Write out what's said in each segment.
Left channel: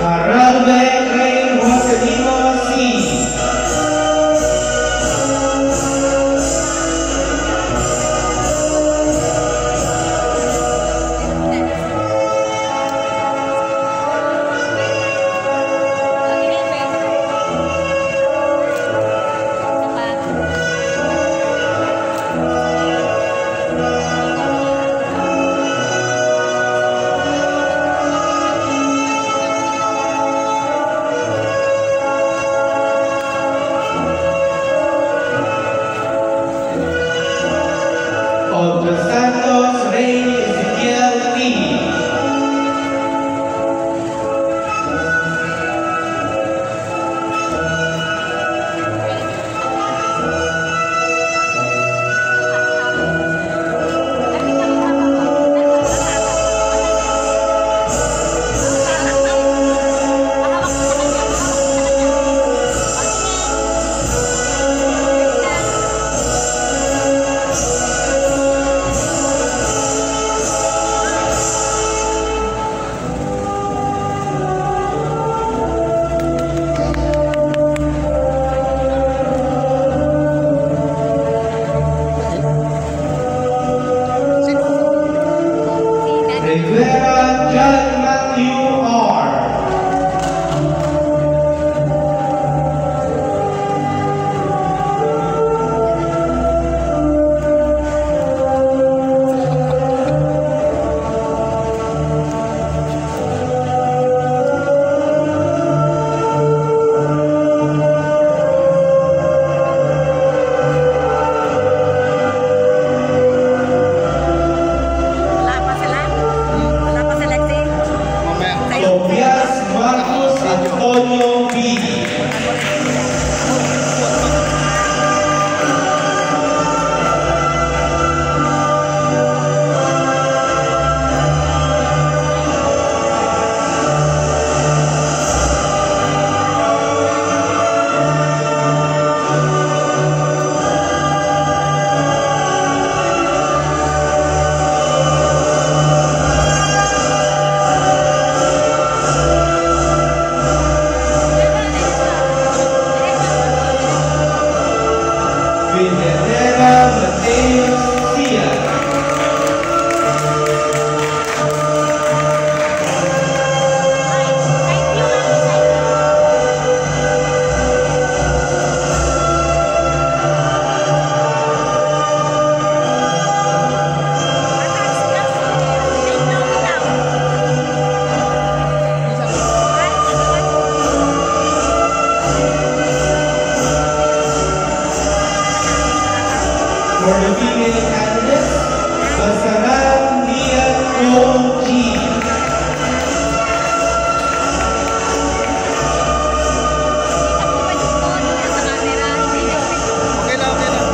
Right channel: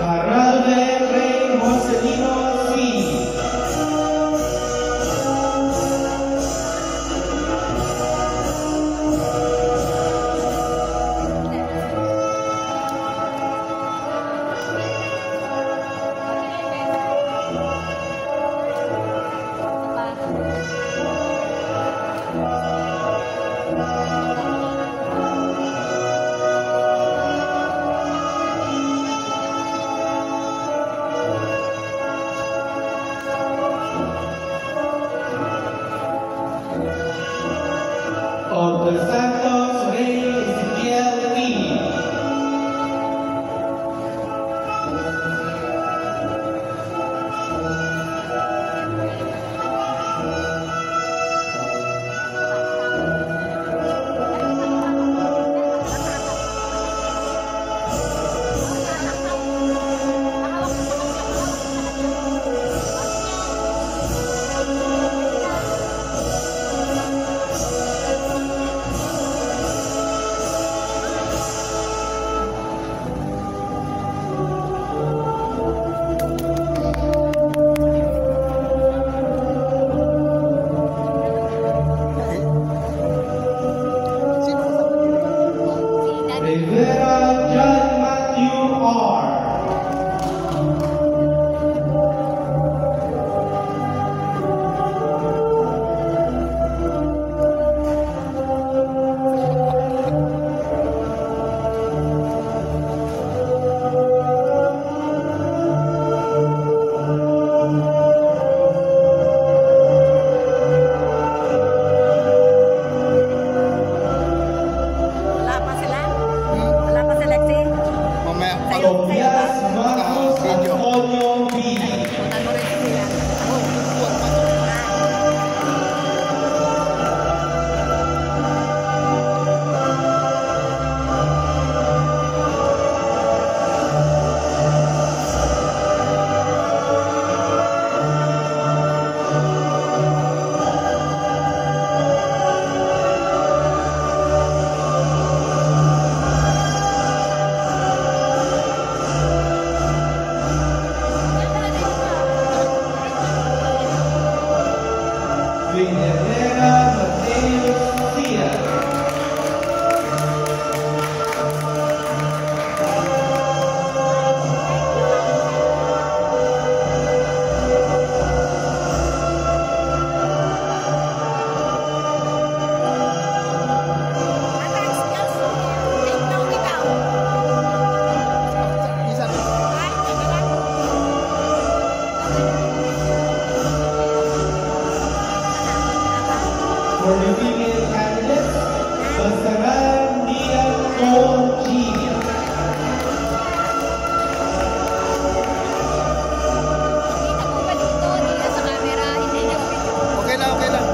Haralde Rey Joselino C. Of the Santos Rey Ezequiel Lee. Rivera John Matthew R. Tobias Marcos Antonio B. Villanera Mateus Cia. For the female candidates, Basarab Mia Cole G. Okay lang, okay lang.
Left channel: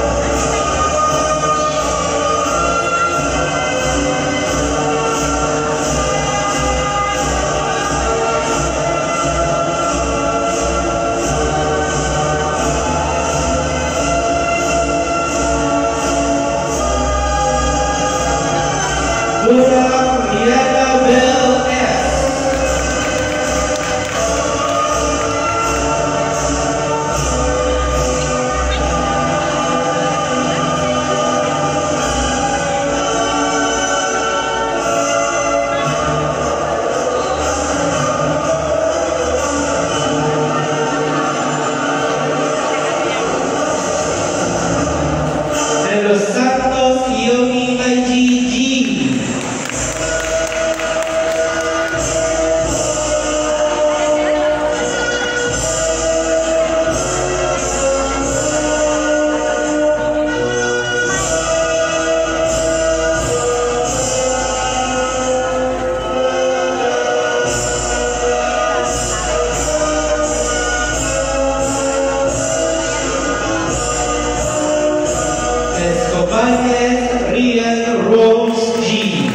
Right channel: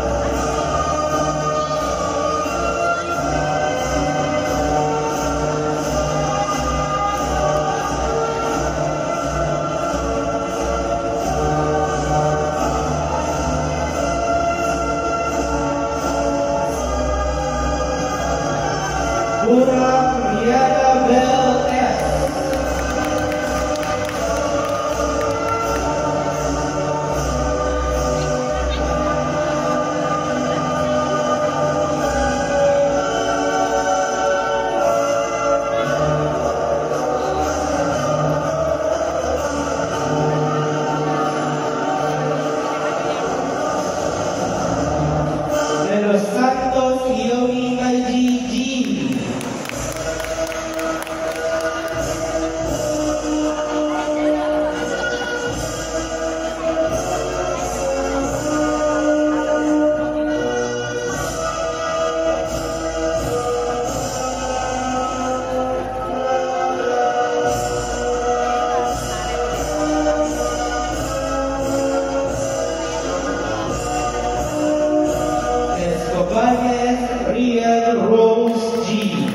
Dora Rihanna Bell S. De los Santos Yogi IGG. Escobanes Rian Rose G.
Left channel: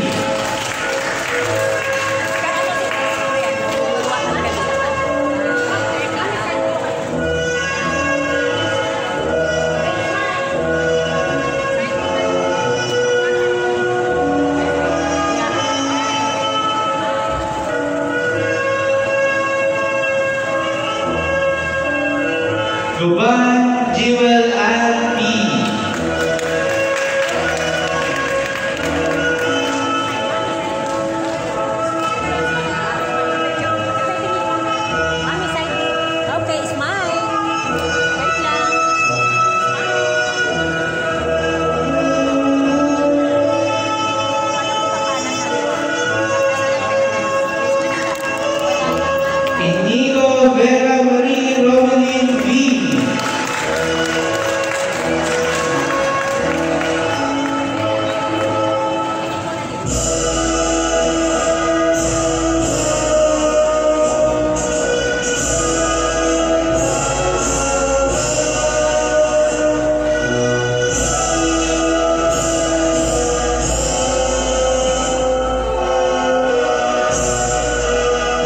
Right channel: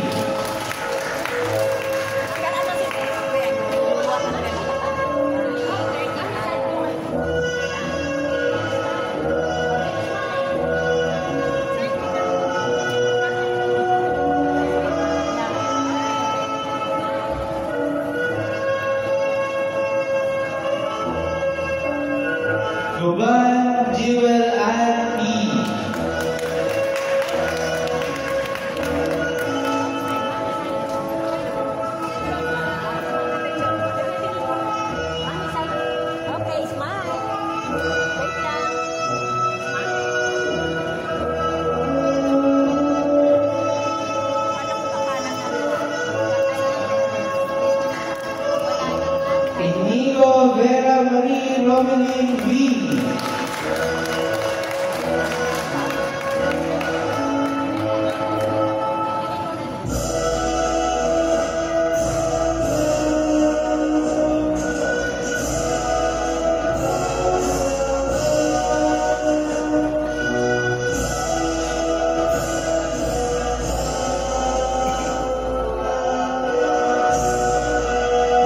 Ruban Jewel Ann P. Okay, smile. Wait lang. Inigo Vera Marie Romelin V.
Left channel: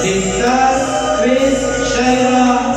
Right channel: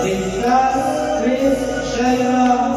Ligtas Chris Shaima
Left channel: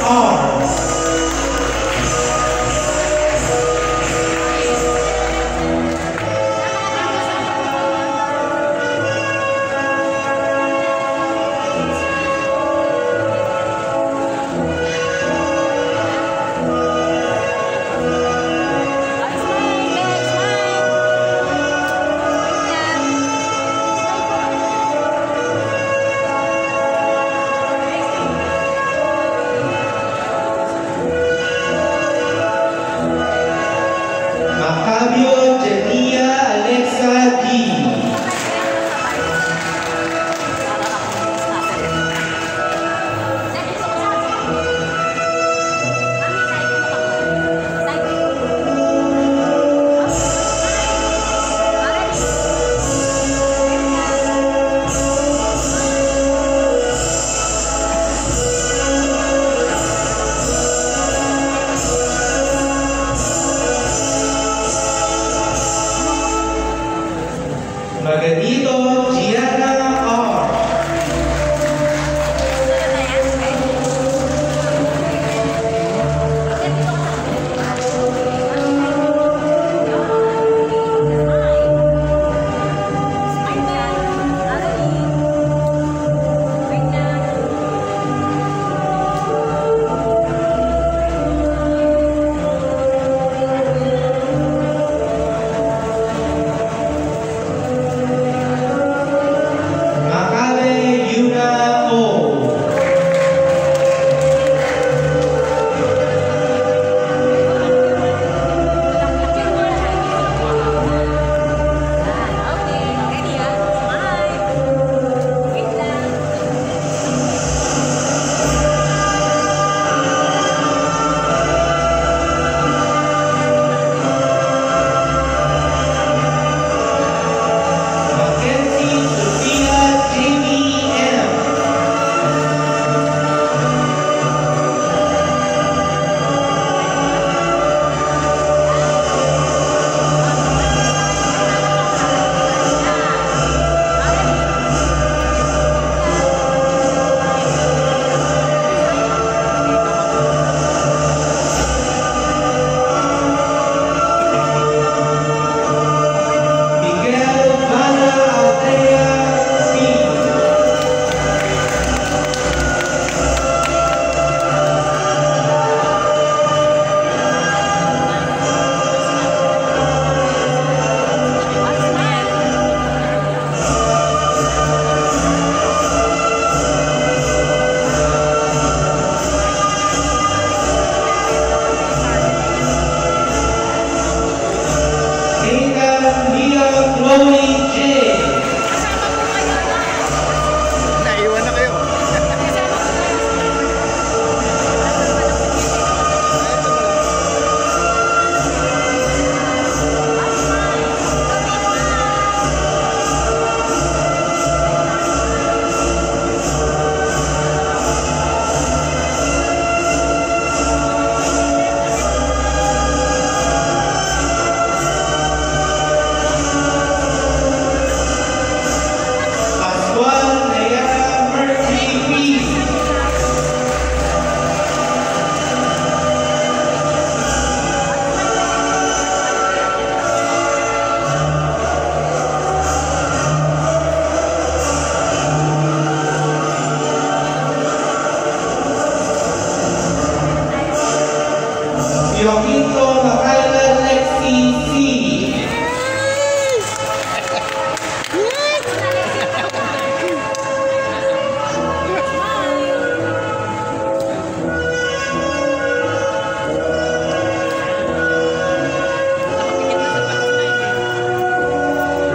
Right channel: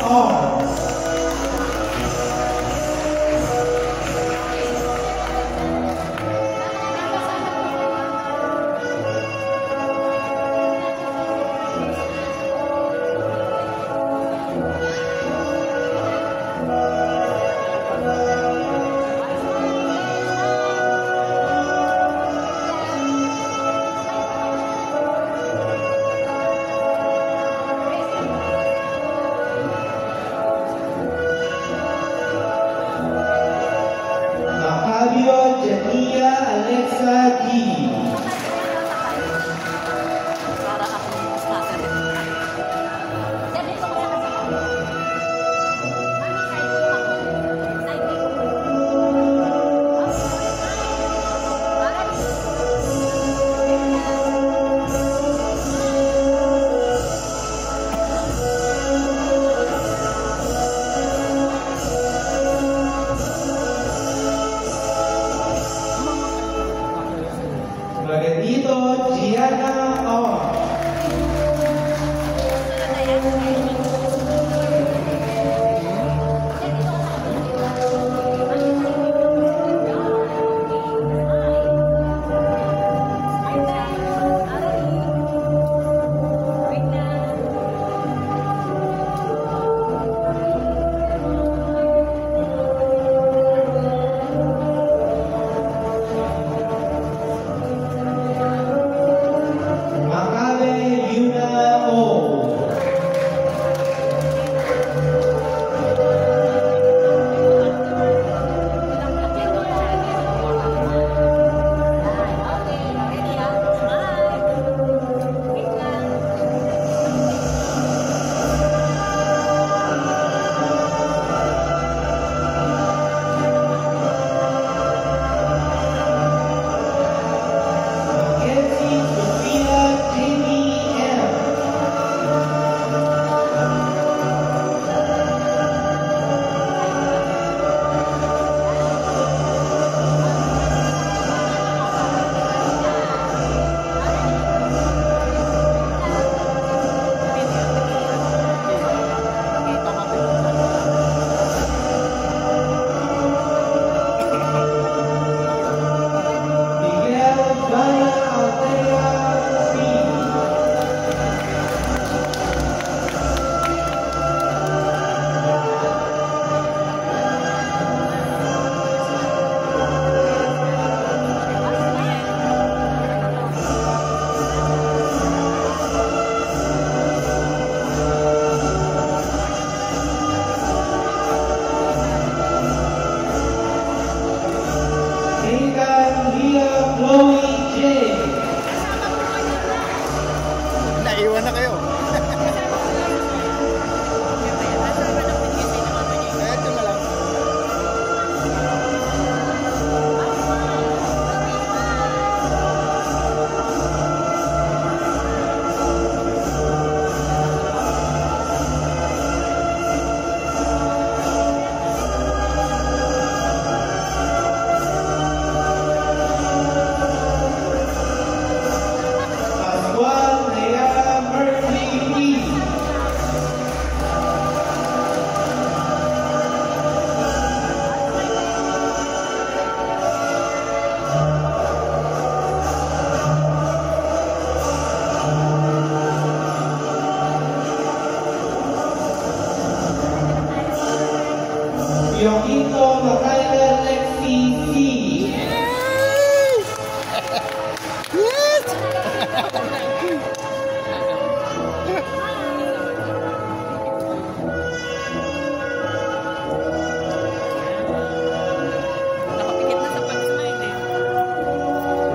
Joaquito Lacaila Lexi C.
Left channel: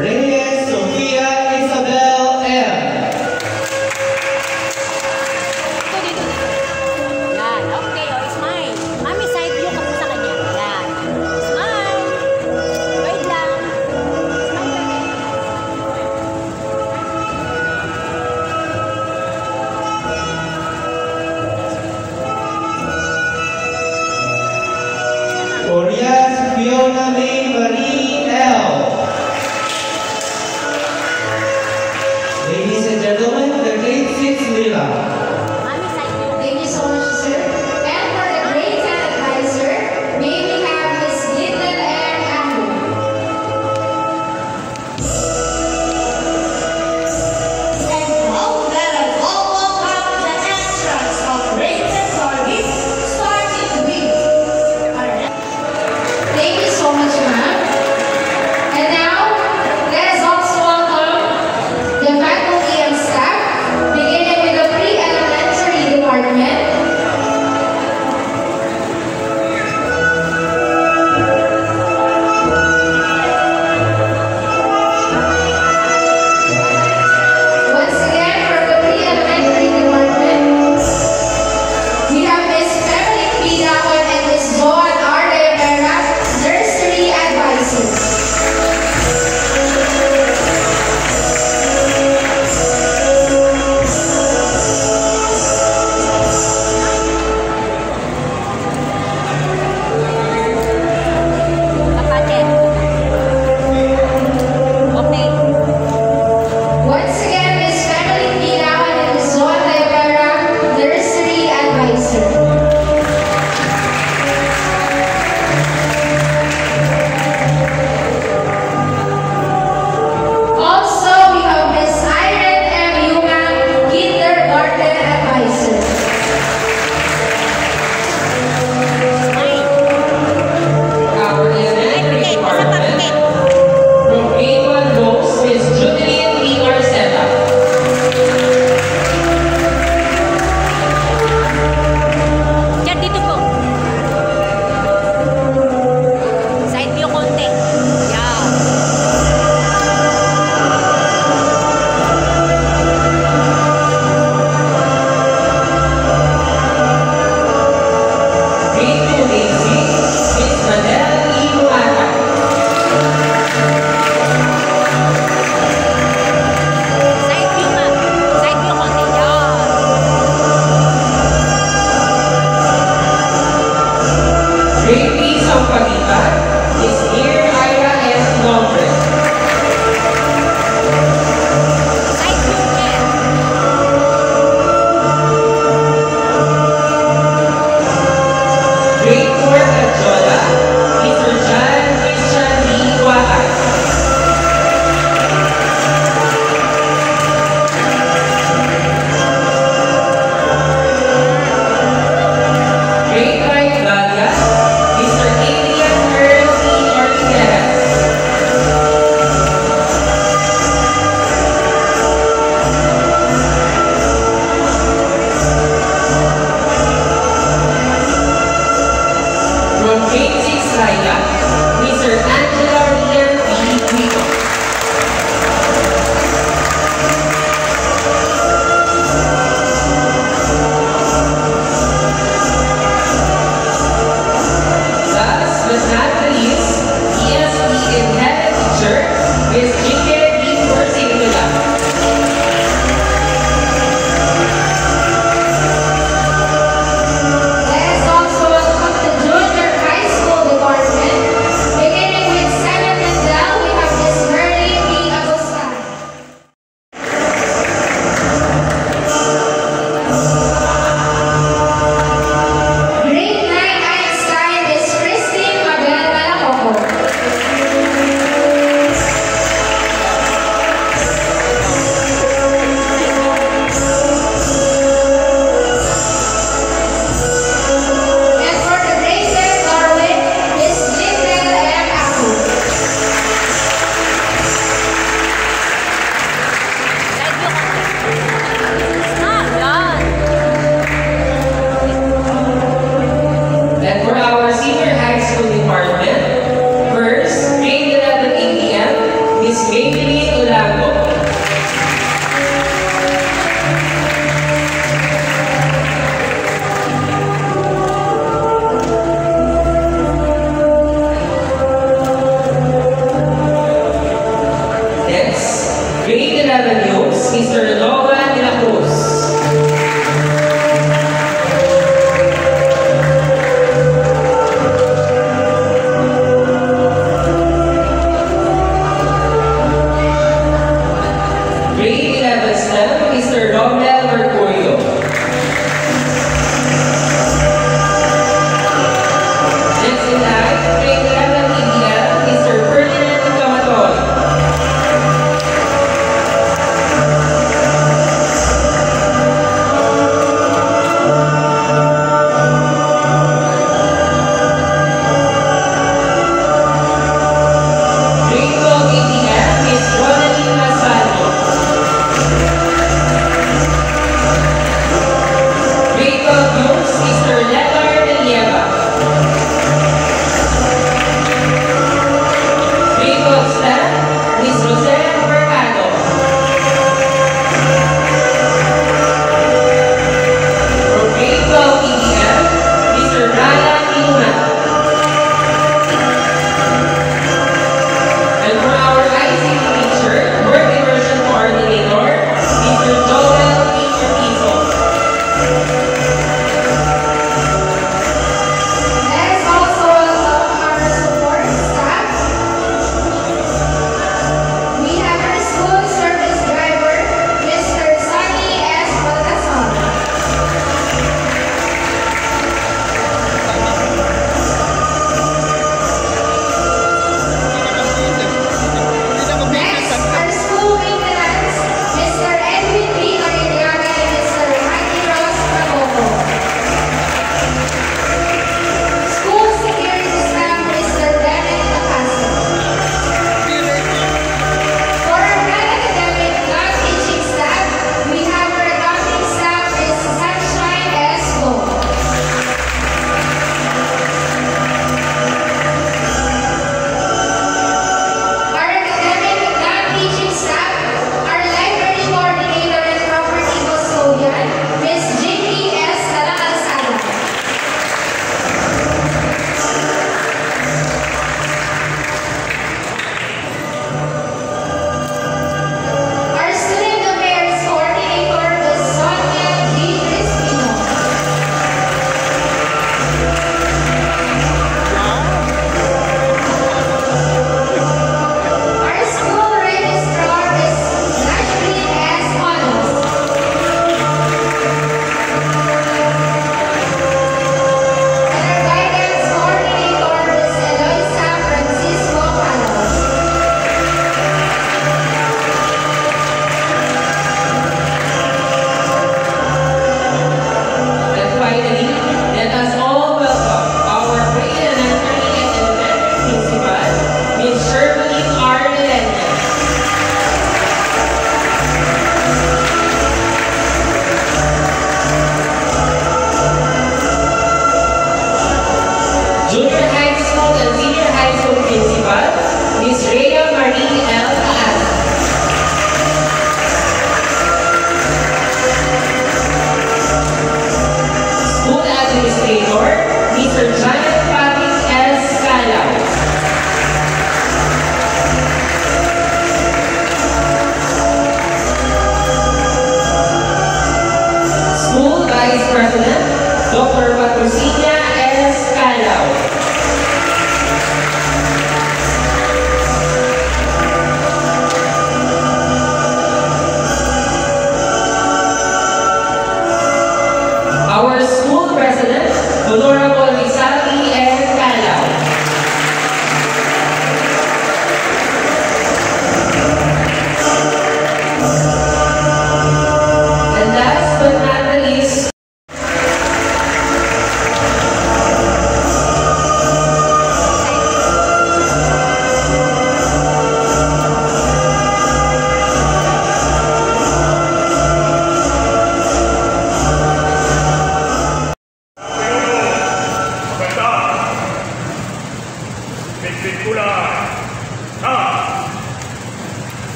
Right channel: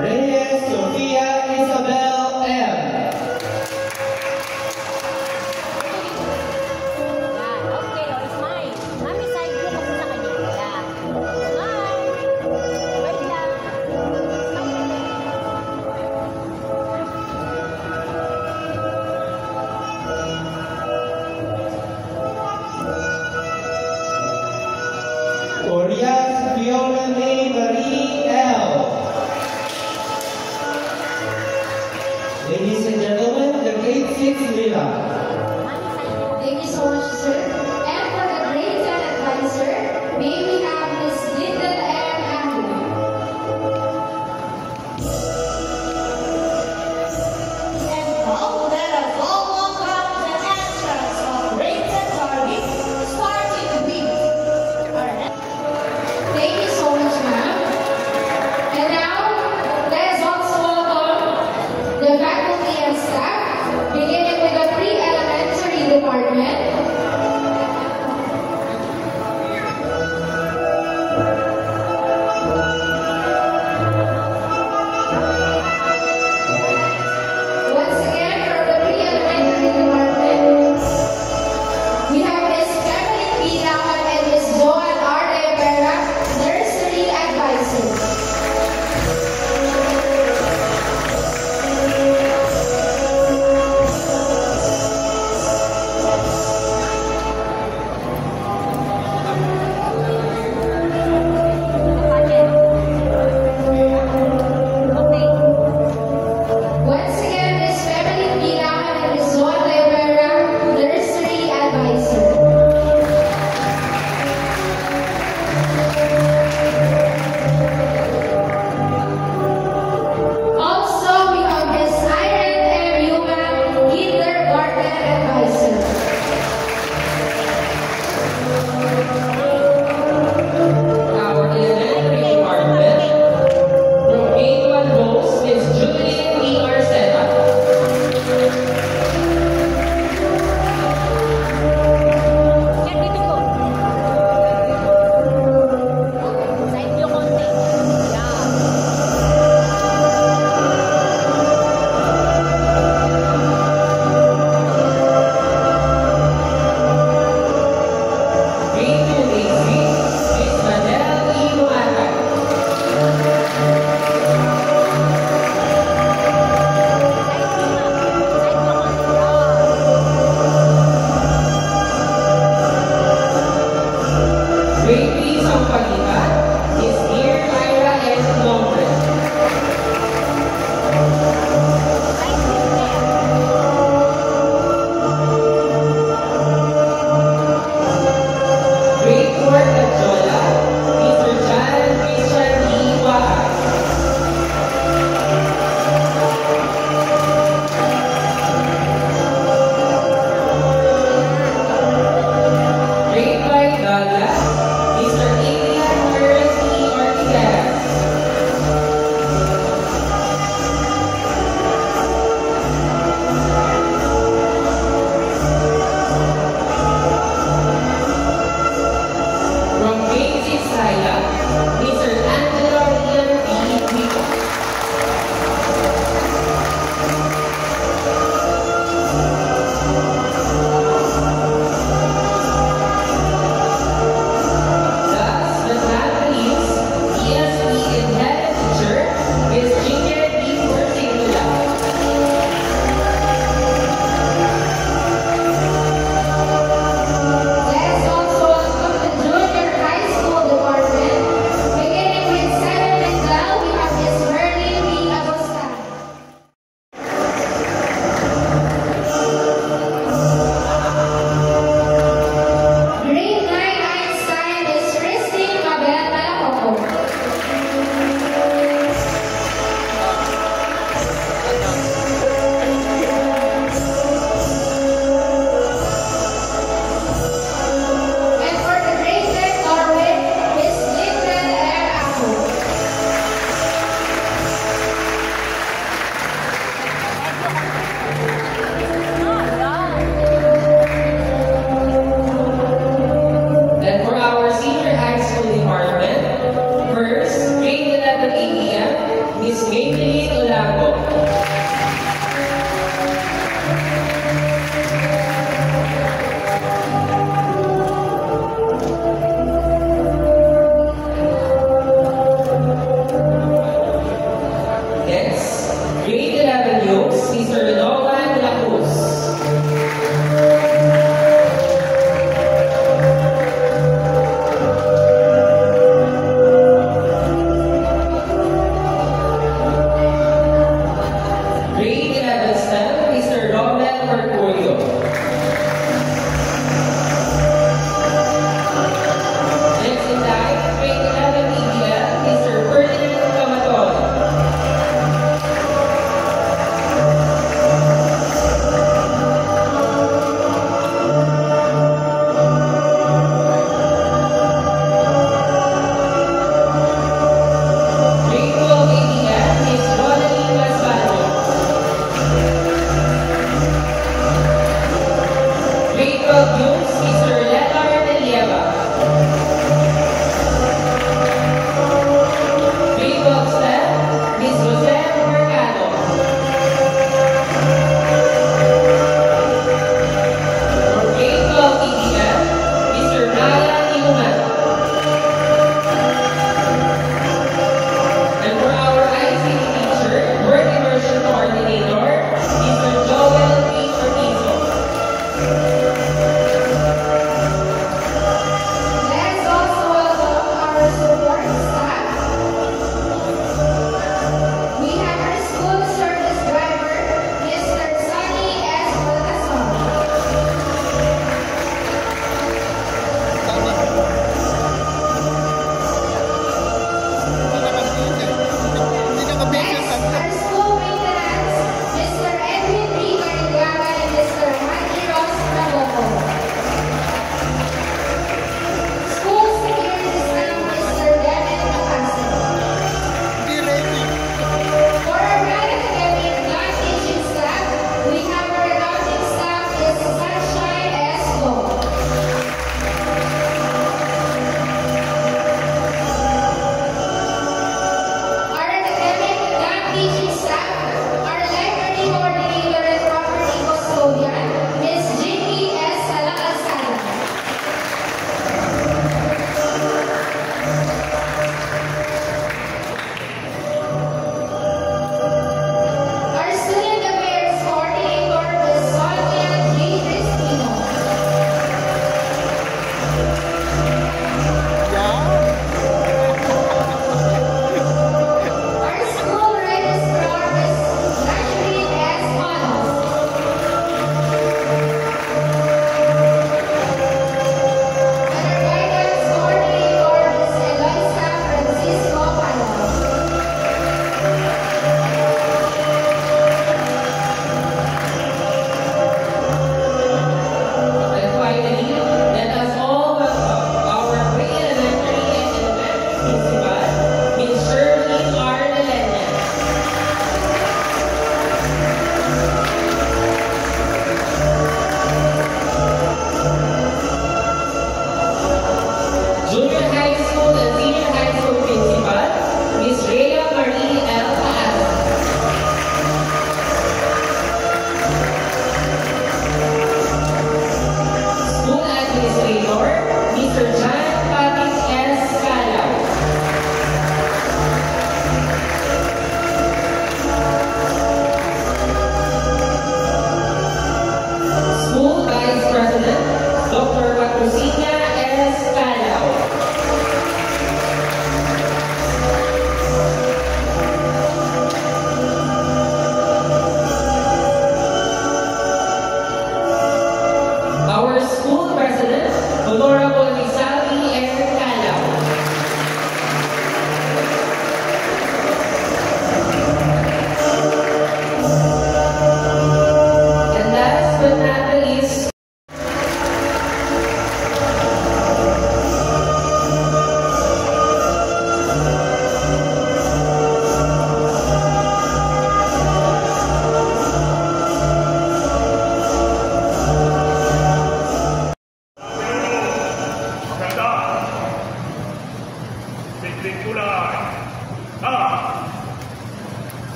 Reyes Sofia Isabel M. Yan. Okay, smile. Mami, side view ka po sa kanya. Yan. Smile. Wait lang. Smile. Orias Fiona May Marie L. Ladies and gentlemen, the grade 6 Lila. Mami, side view. Thank you so much, sir. And for the grade 10 advisor, may we have Miss Lyndon and Andrew. And now, let us all welcome the extras of grade 10 service, starting with our next. Thank you so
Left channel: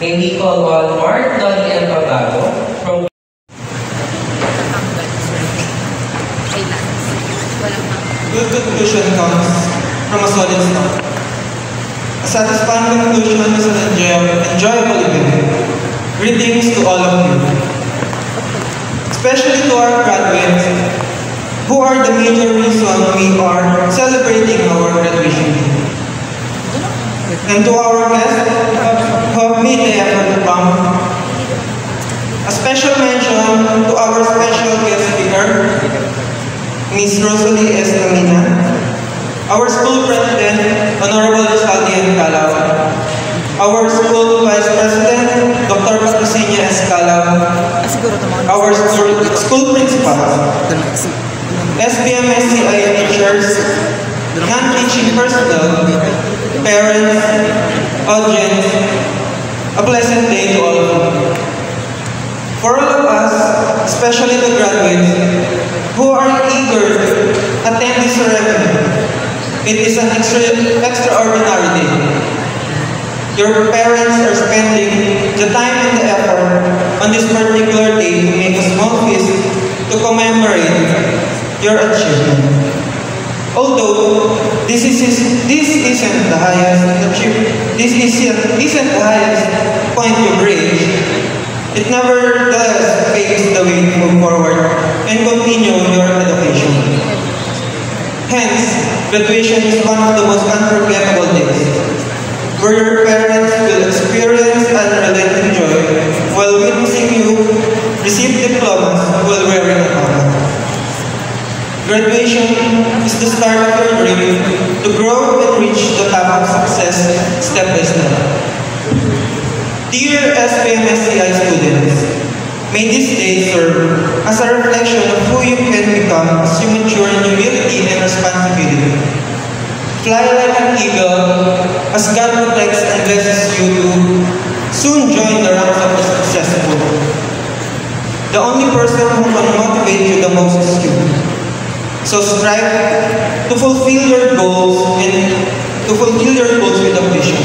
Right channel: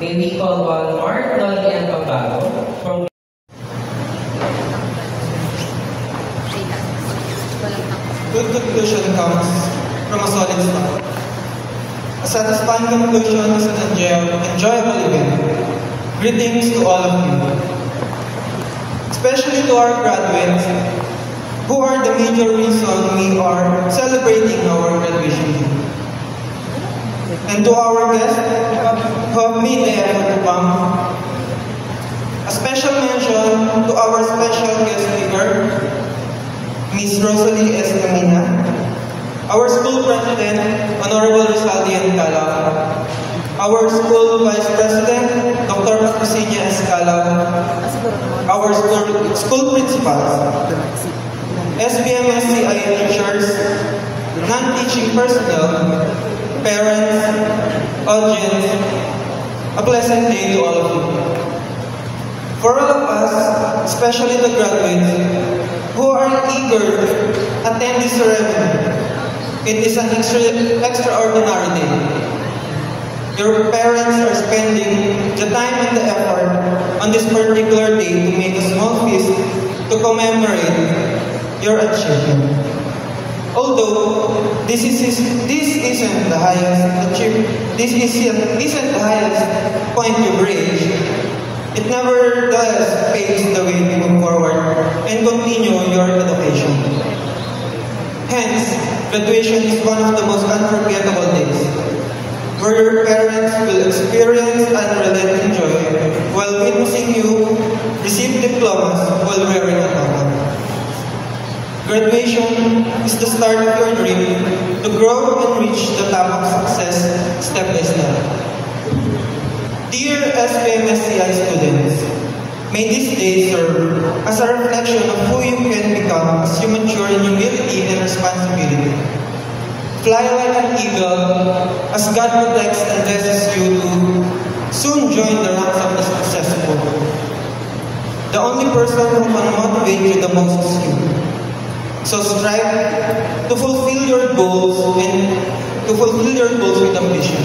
May we call on Mark Dolly and Pablo from Good conclusion comes from a solid start. A satisfying conclusion is an enjoyable event. Greetings to all of you, especially to our graduates, who are the major reason we are celebrating our graduation day. And to our guests who have made the effort to come, a special mention to our special guest speaker, Ms. Rosalie S. Lamina, our school president, Honorable Saldi N. Calao, our school vice president, Dr. Patricinia S. Calao, our school principals, SBMSCI teachers, non-teaching personnel, parents, audience, a pleasant day to all of you. For all of us, especially the graduates, who are eager to attend this ceremony, it is an extraordinary day. Your parents are spending the time and the effort on this particular day to make a small feast to commemorate your achievement. Although this isn't the highest point you've reached, it nevertheless paves the way to move forward and continue your education. Hence, graduation is one of the most unforgettable days, where your parents will experience unrelenting joy while witnessing you receive diplomas while wearing a crown. Graduation is the start of your dream to grow and reach the top of success step by step. Dear SBMSCI students, may this day serve as a reflection of who you can become as you mature in humility and responsibility. Fly like an eagle as God protects and blesses you to soon join the ranks of the successful. The only person who can motivate you the most is you. So strive to fulfill your goals with ambition.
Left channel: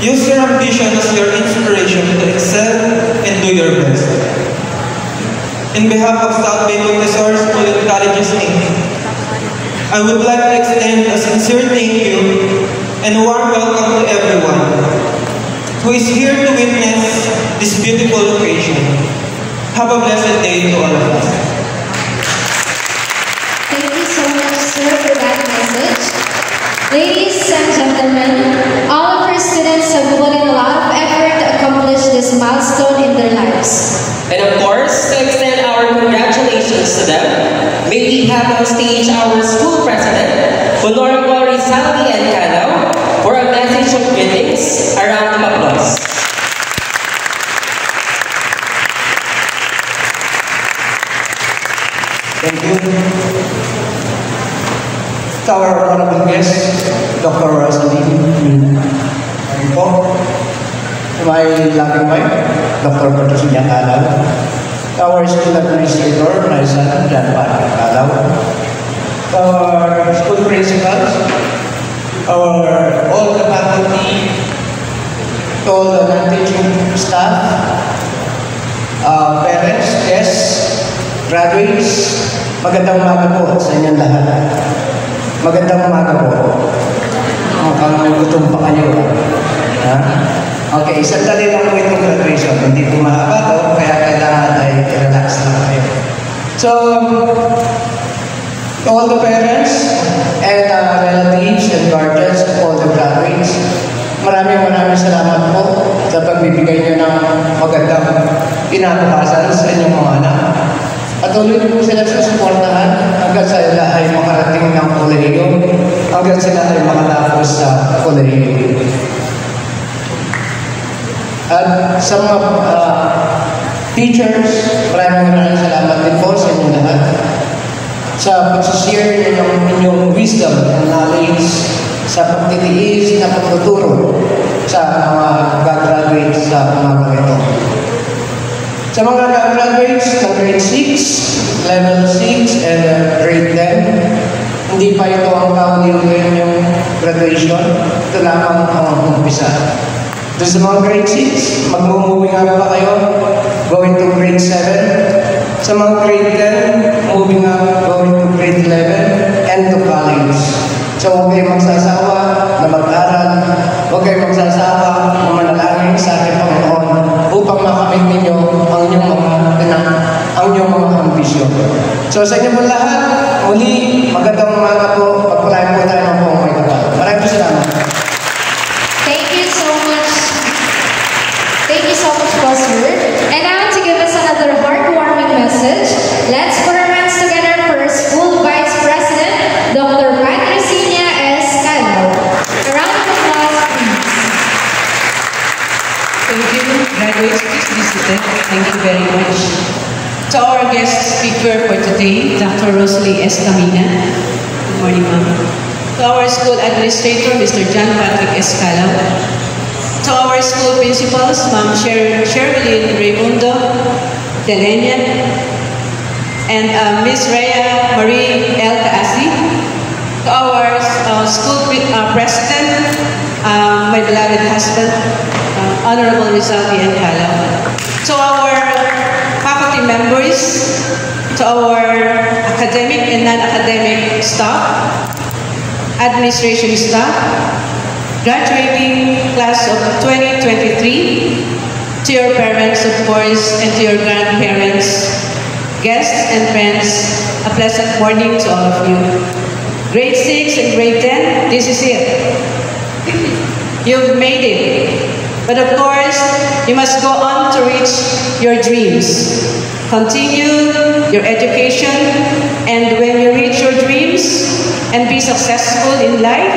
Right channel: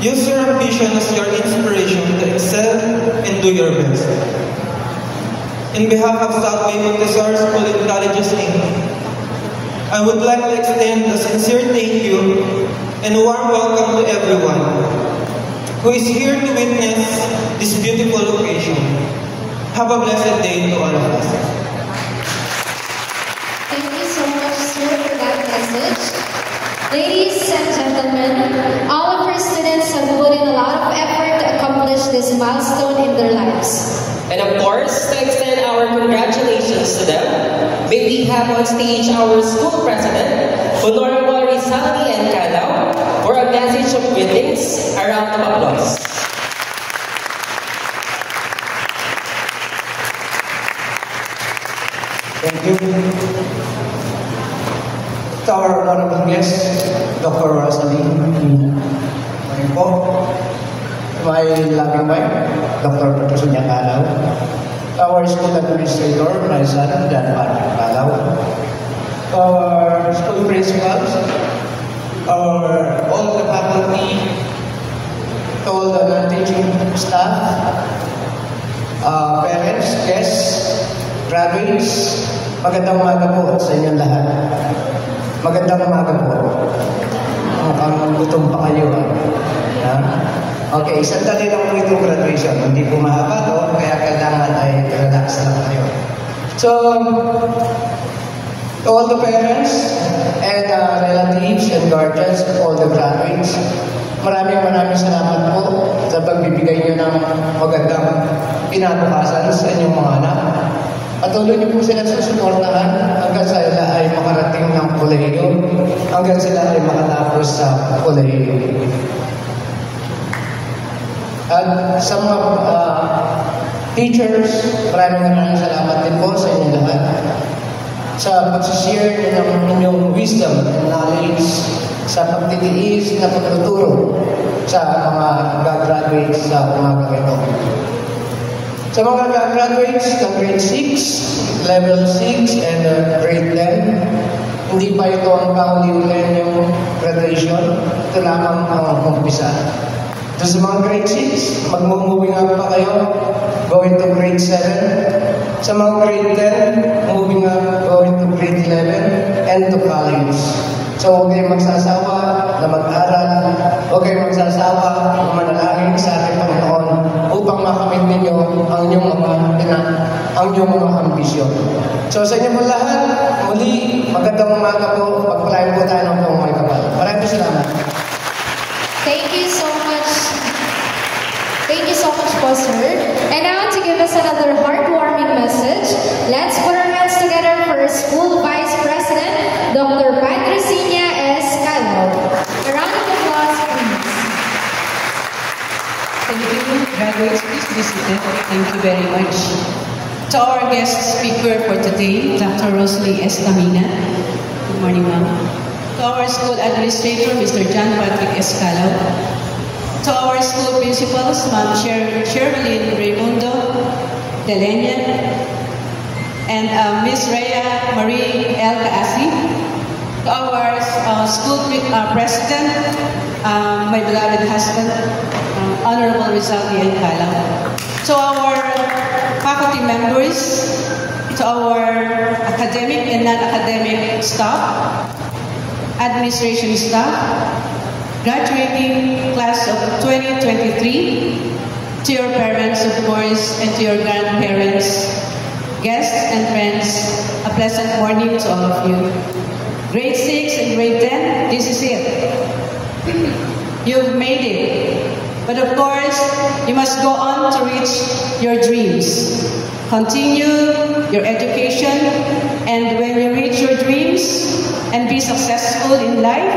Use your ambition as your inspiration to excel and do your best. In behalf of South Bay Montessori School and Colleges Inc., I would like to extend a sincere thank you and a warm welcome to everyone who is here to witness this beautiful occasion. Have a blessed day to all of us. Thank you so much, sir, for that message. Ladies and gentlemen, all of our students have put in a lot of effort to accomplish this milestone in their lives. And of course, to extend our congratulations to them, may we have on stage our school president, Honorable Saldi N. Calao, for a message of greetings. A round of applause. Thank you. To our honorable guest, Dr. Rosalie. Thank you po. To my loving wife, Dr. Patricinia Calaw. To our school administrator, my son, John Patrick Calaw. To our school principals, all the faculty, to all the non-teaching staff, parents, guests, graduates, magandang umaga po sa inyong lahat. Magandang umaga po. Mukhang gutom pa kayo. Ha? Okay, sandali lang po itong graduation. Hindi po mahaba po, kaya kailangan ay relax lang kayo. So, to all the parents and relatives and guardians of all the graduates, maraming salamat po sa pagbibigay niyo ng magandang kinabukasan sa inyong mga anak. At tuloy niyo po sila susuportahan hanggang sila ay makarating ng kolehiyo, hanggang sila ay makatapos sa kolehiyo. At sa mga teachers, maraming salamat din po sa inyong lahat sa pag-share niyo ng inyong wisdom and knowledge sa pagtitiis na pagtuturo sa mga gagraduate sa umaga ito. Sa mga gagraduates ng grade 6, level 6, and grade 10, hindi pa ito ang kauli-ulihan yung graduation. Ito lamang ang umpisa. Doon sa mga grade 6, mag-moving up pa kayo, going to grade 7. Sa mga grade 10, moving up, going to grade 11, and to college. So huwag kayong magsasawa na mag-aral, huwag kayong magsasawa na manalangin sa ating Panginoon upang makamit ninyo ang inyong mga ambisyon. So sa inyo po lahat, muli, magandang umaga po, pagpulayan po tayo ng buong may kapal. Maraming salamat. Thank you so much. Thank you so much, Pastor. And now to give us another heartwarming message, let's put our hands together for our school vice president, Dr. Patricinia S. Calaw. A round of applause, please. Thank you, graduates. Please be seated. Thank you very much. To our guest speaker for today, Dr. Rosalie S. Camina. Good morning, ma'am. To our school administrator, Mr. John Patrick S. Calaw. To our school principals, Ma'am Sherilyn Raimundo Delenia, and Miss Rhea Marie L. Caasi. To our school president, my beloved husband, Honorable Rizaldi N. Calaw. To our faculty members, to our academic and non-academic staff, administration staff, graduating class of 2023, to your parents, of course, and to your grandparents, guests and friends, a pleasant morning to all of you. Grade 6 and grade 10, this is it. You've made it. But of course, you must go on to reach your dreams. Continue your education, and when you reach your dreams and be successful in life,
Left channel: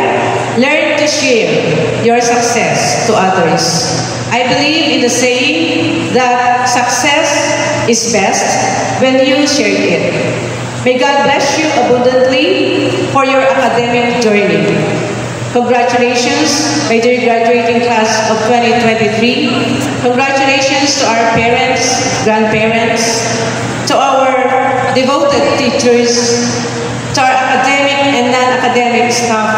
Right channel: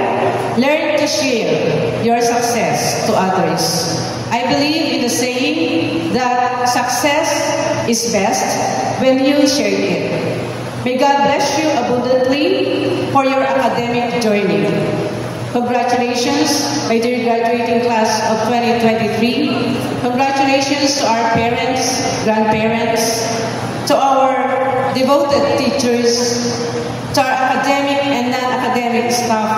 learn to share your success to others. I believe in the saying that success is best when you share it. May God bless you abundantly for your academic journey. Congratulations, my dear graduating class of 2023. Congratulations to our parents, grandparents, to our devoted teachers, to our academic and non-academic staff.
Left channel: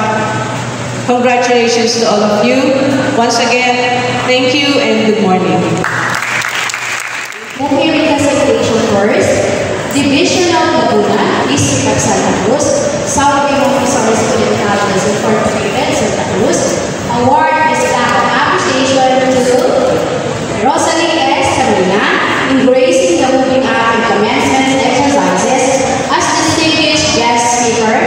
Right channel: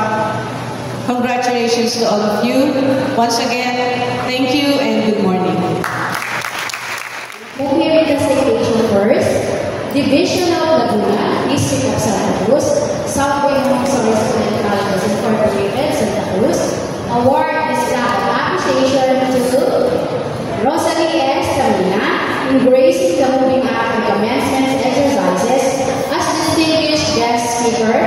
Congratulations to all of you. Once again, thank you and good morning. Let me read the citation first. Division of Laguna, District of Santa Cruz, South Bay Montessori Student Colleges Incorporated, Santa Cruz. Award is plaque of appreciation to Rosalie S. Camina in gracing the moving up and commencement exercises as distinguished guest speaker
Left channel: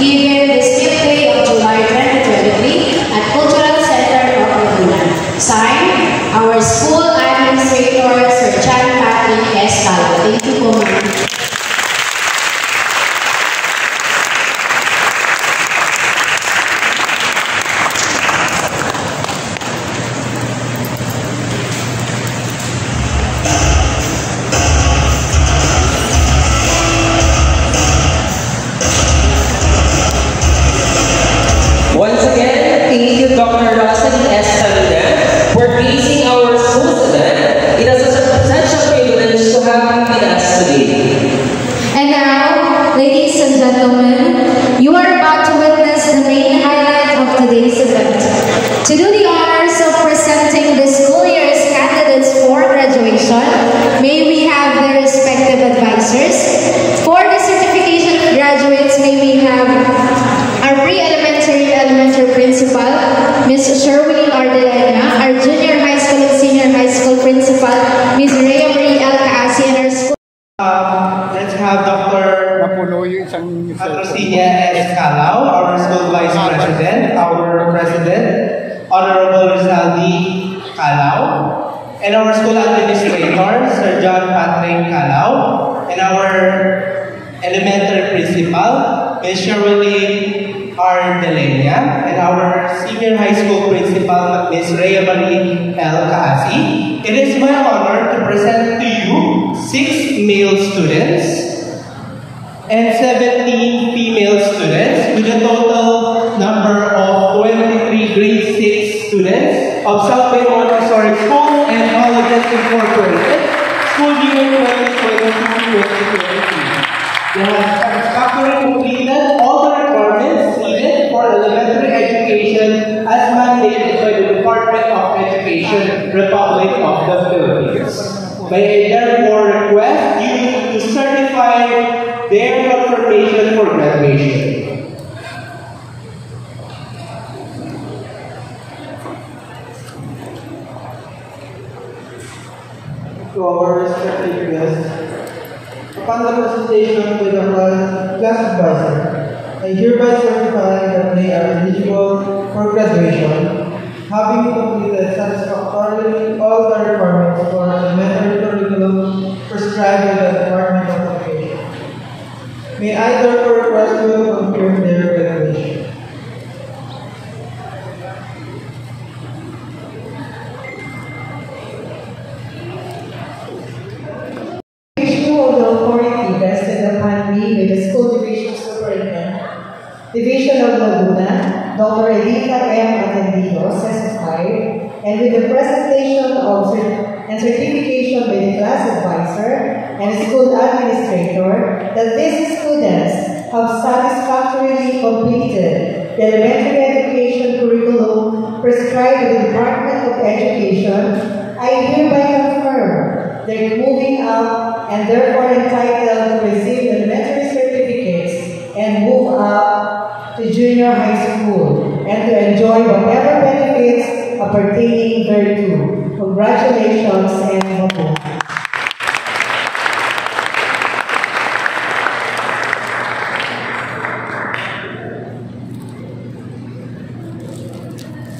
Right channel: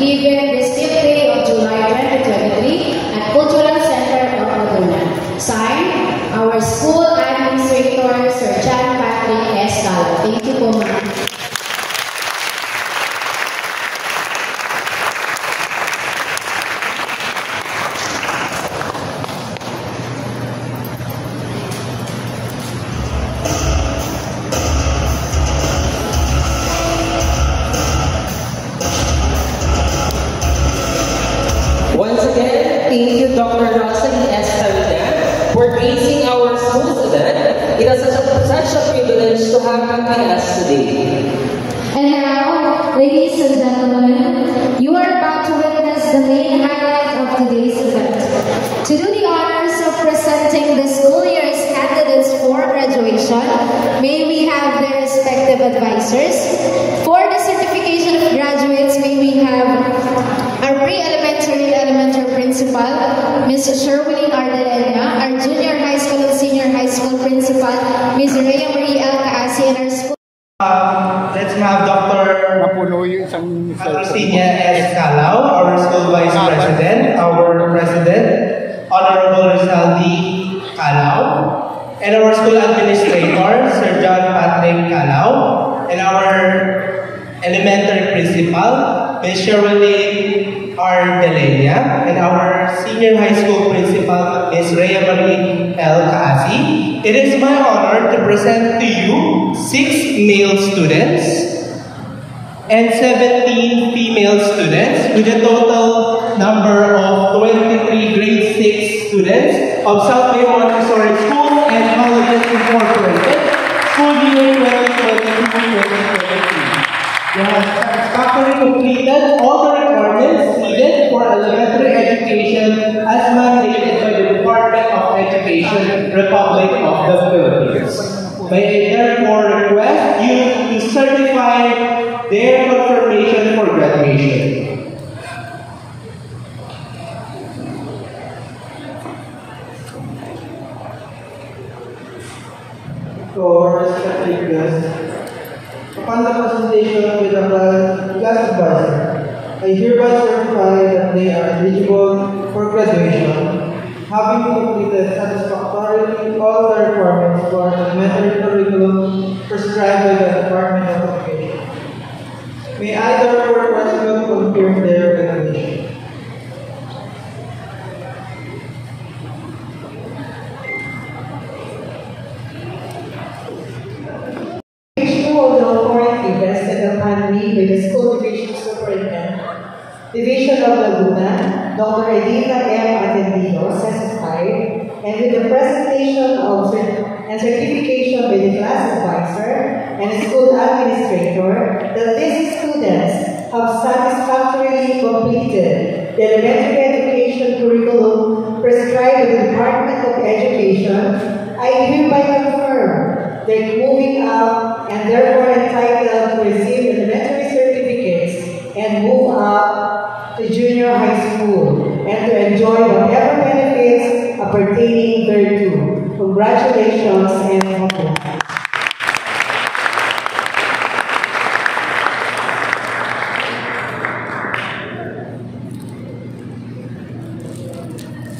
given this 5th day of July 2023 at Cultural Center of Laguna. Signed, our school administrator, Sir John Patrick S. Calaw. Thank you po, ma'am. Dr. Rosalie S. Tamina for gracing our school today. It is such a privilege to have you with us today. And now, ladies and gentlemen, you are about to witness the main highlight of today's event. To do the honors of presenting the school year's candidates for graduation, may we have their respective advisors. For the certification of graduates, may we have our pre-elementary elementary principal, Ms. Sherwin Ardelena, our junior high school and senior high school principal, Ms. Rhea Marie L. Caasi, and our school. Let's have Dr. Napuno yung isang Agustina S. Calao, our school vice president, our president, Honorable Rizaldi Calao, and our school administrator, Sir John Patrick Calao, and our elementary principal, Ms. Shirley R. Delenia, and our senior high school principal, Ms. Rhea Marie L. Caasi. It is my honor to present to you 6 male students and 17 female students with a total number of 23 grade 6 students of South Bay Montessori School and Colleges Incorporated, school year 2022-2023. They have satisfactorily completed all the requirements needed for elementary education as mandated by the Department of Education, Republic of the Philippines. May I therefore request you to certify their confirmation for graduation. To our respected guests, upon the presentation with our class advisor, I hereby certify that they are eligible for graduation, having completed satisfactorily all the requirements for elementary curriculum prescribed by the Department of Education. May I therefore request you to confirm their graduation. Of the authority vested upon me by the School Division Superintendent, Division of Laguna, Dr. Edita M. Atendido, certified, and with the presentation of and certification by the class advisor and school administrator that these students have satisfactorily completed the elementary education curriculum prescribed by the Department of Education, I hereby confirm that moving up and therefore entitled to receive elementary certificates and move up to junior high school and to enjoy whatever benefits appertaining thereto. Congratulations and welcome.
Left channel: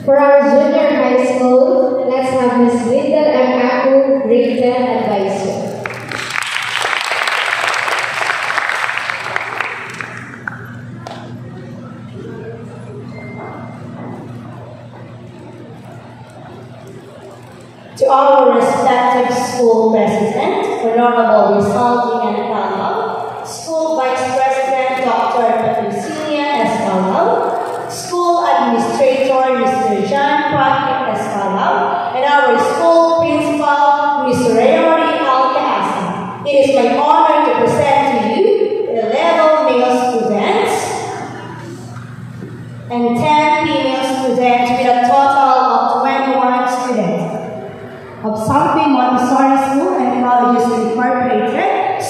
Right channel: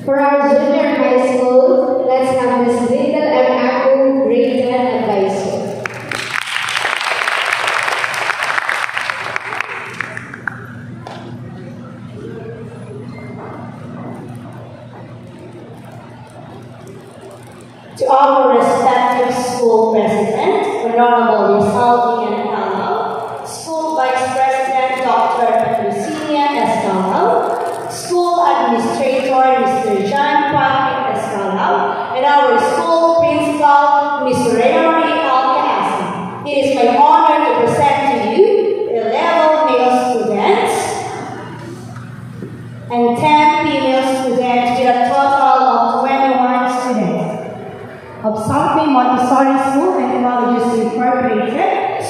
For our junior high school, let's have Ms. Linda M. Aku, grade 10 advisor. To our respective school president, Honorable Rizaldi N. Calao, school vice president, Dr. Patricia S. Calao, school administrator, Mr. John Patrick S. Calao, and our school principal, Ms. Rhea L. Caasi. It is my honor to present to you 11 male students and 10 female students with a total of 21 students of South Bay Montessori School and Colleges Incorporated,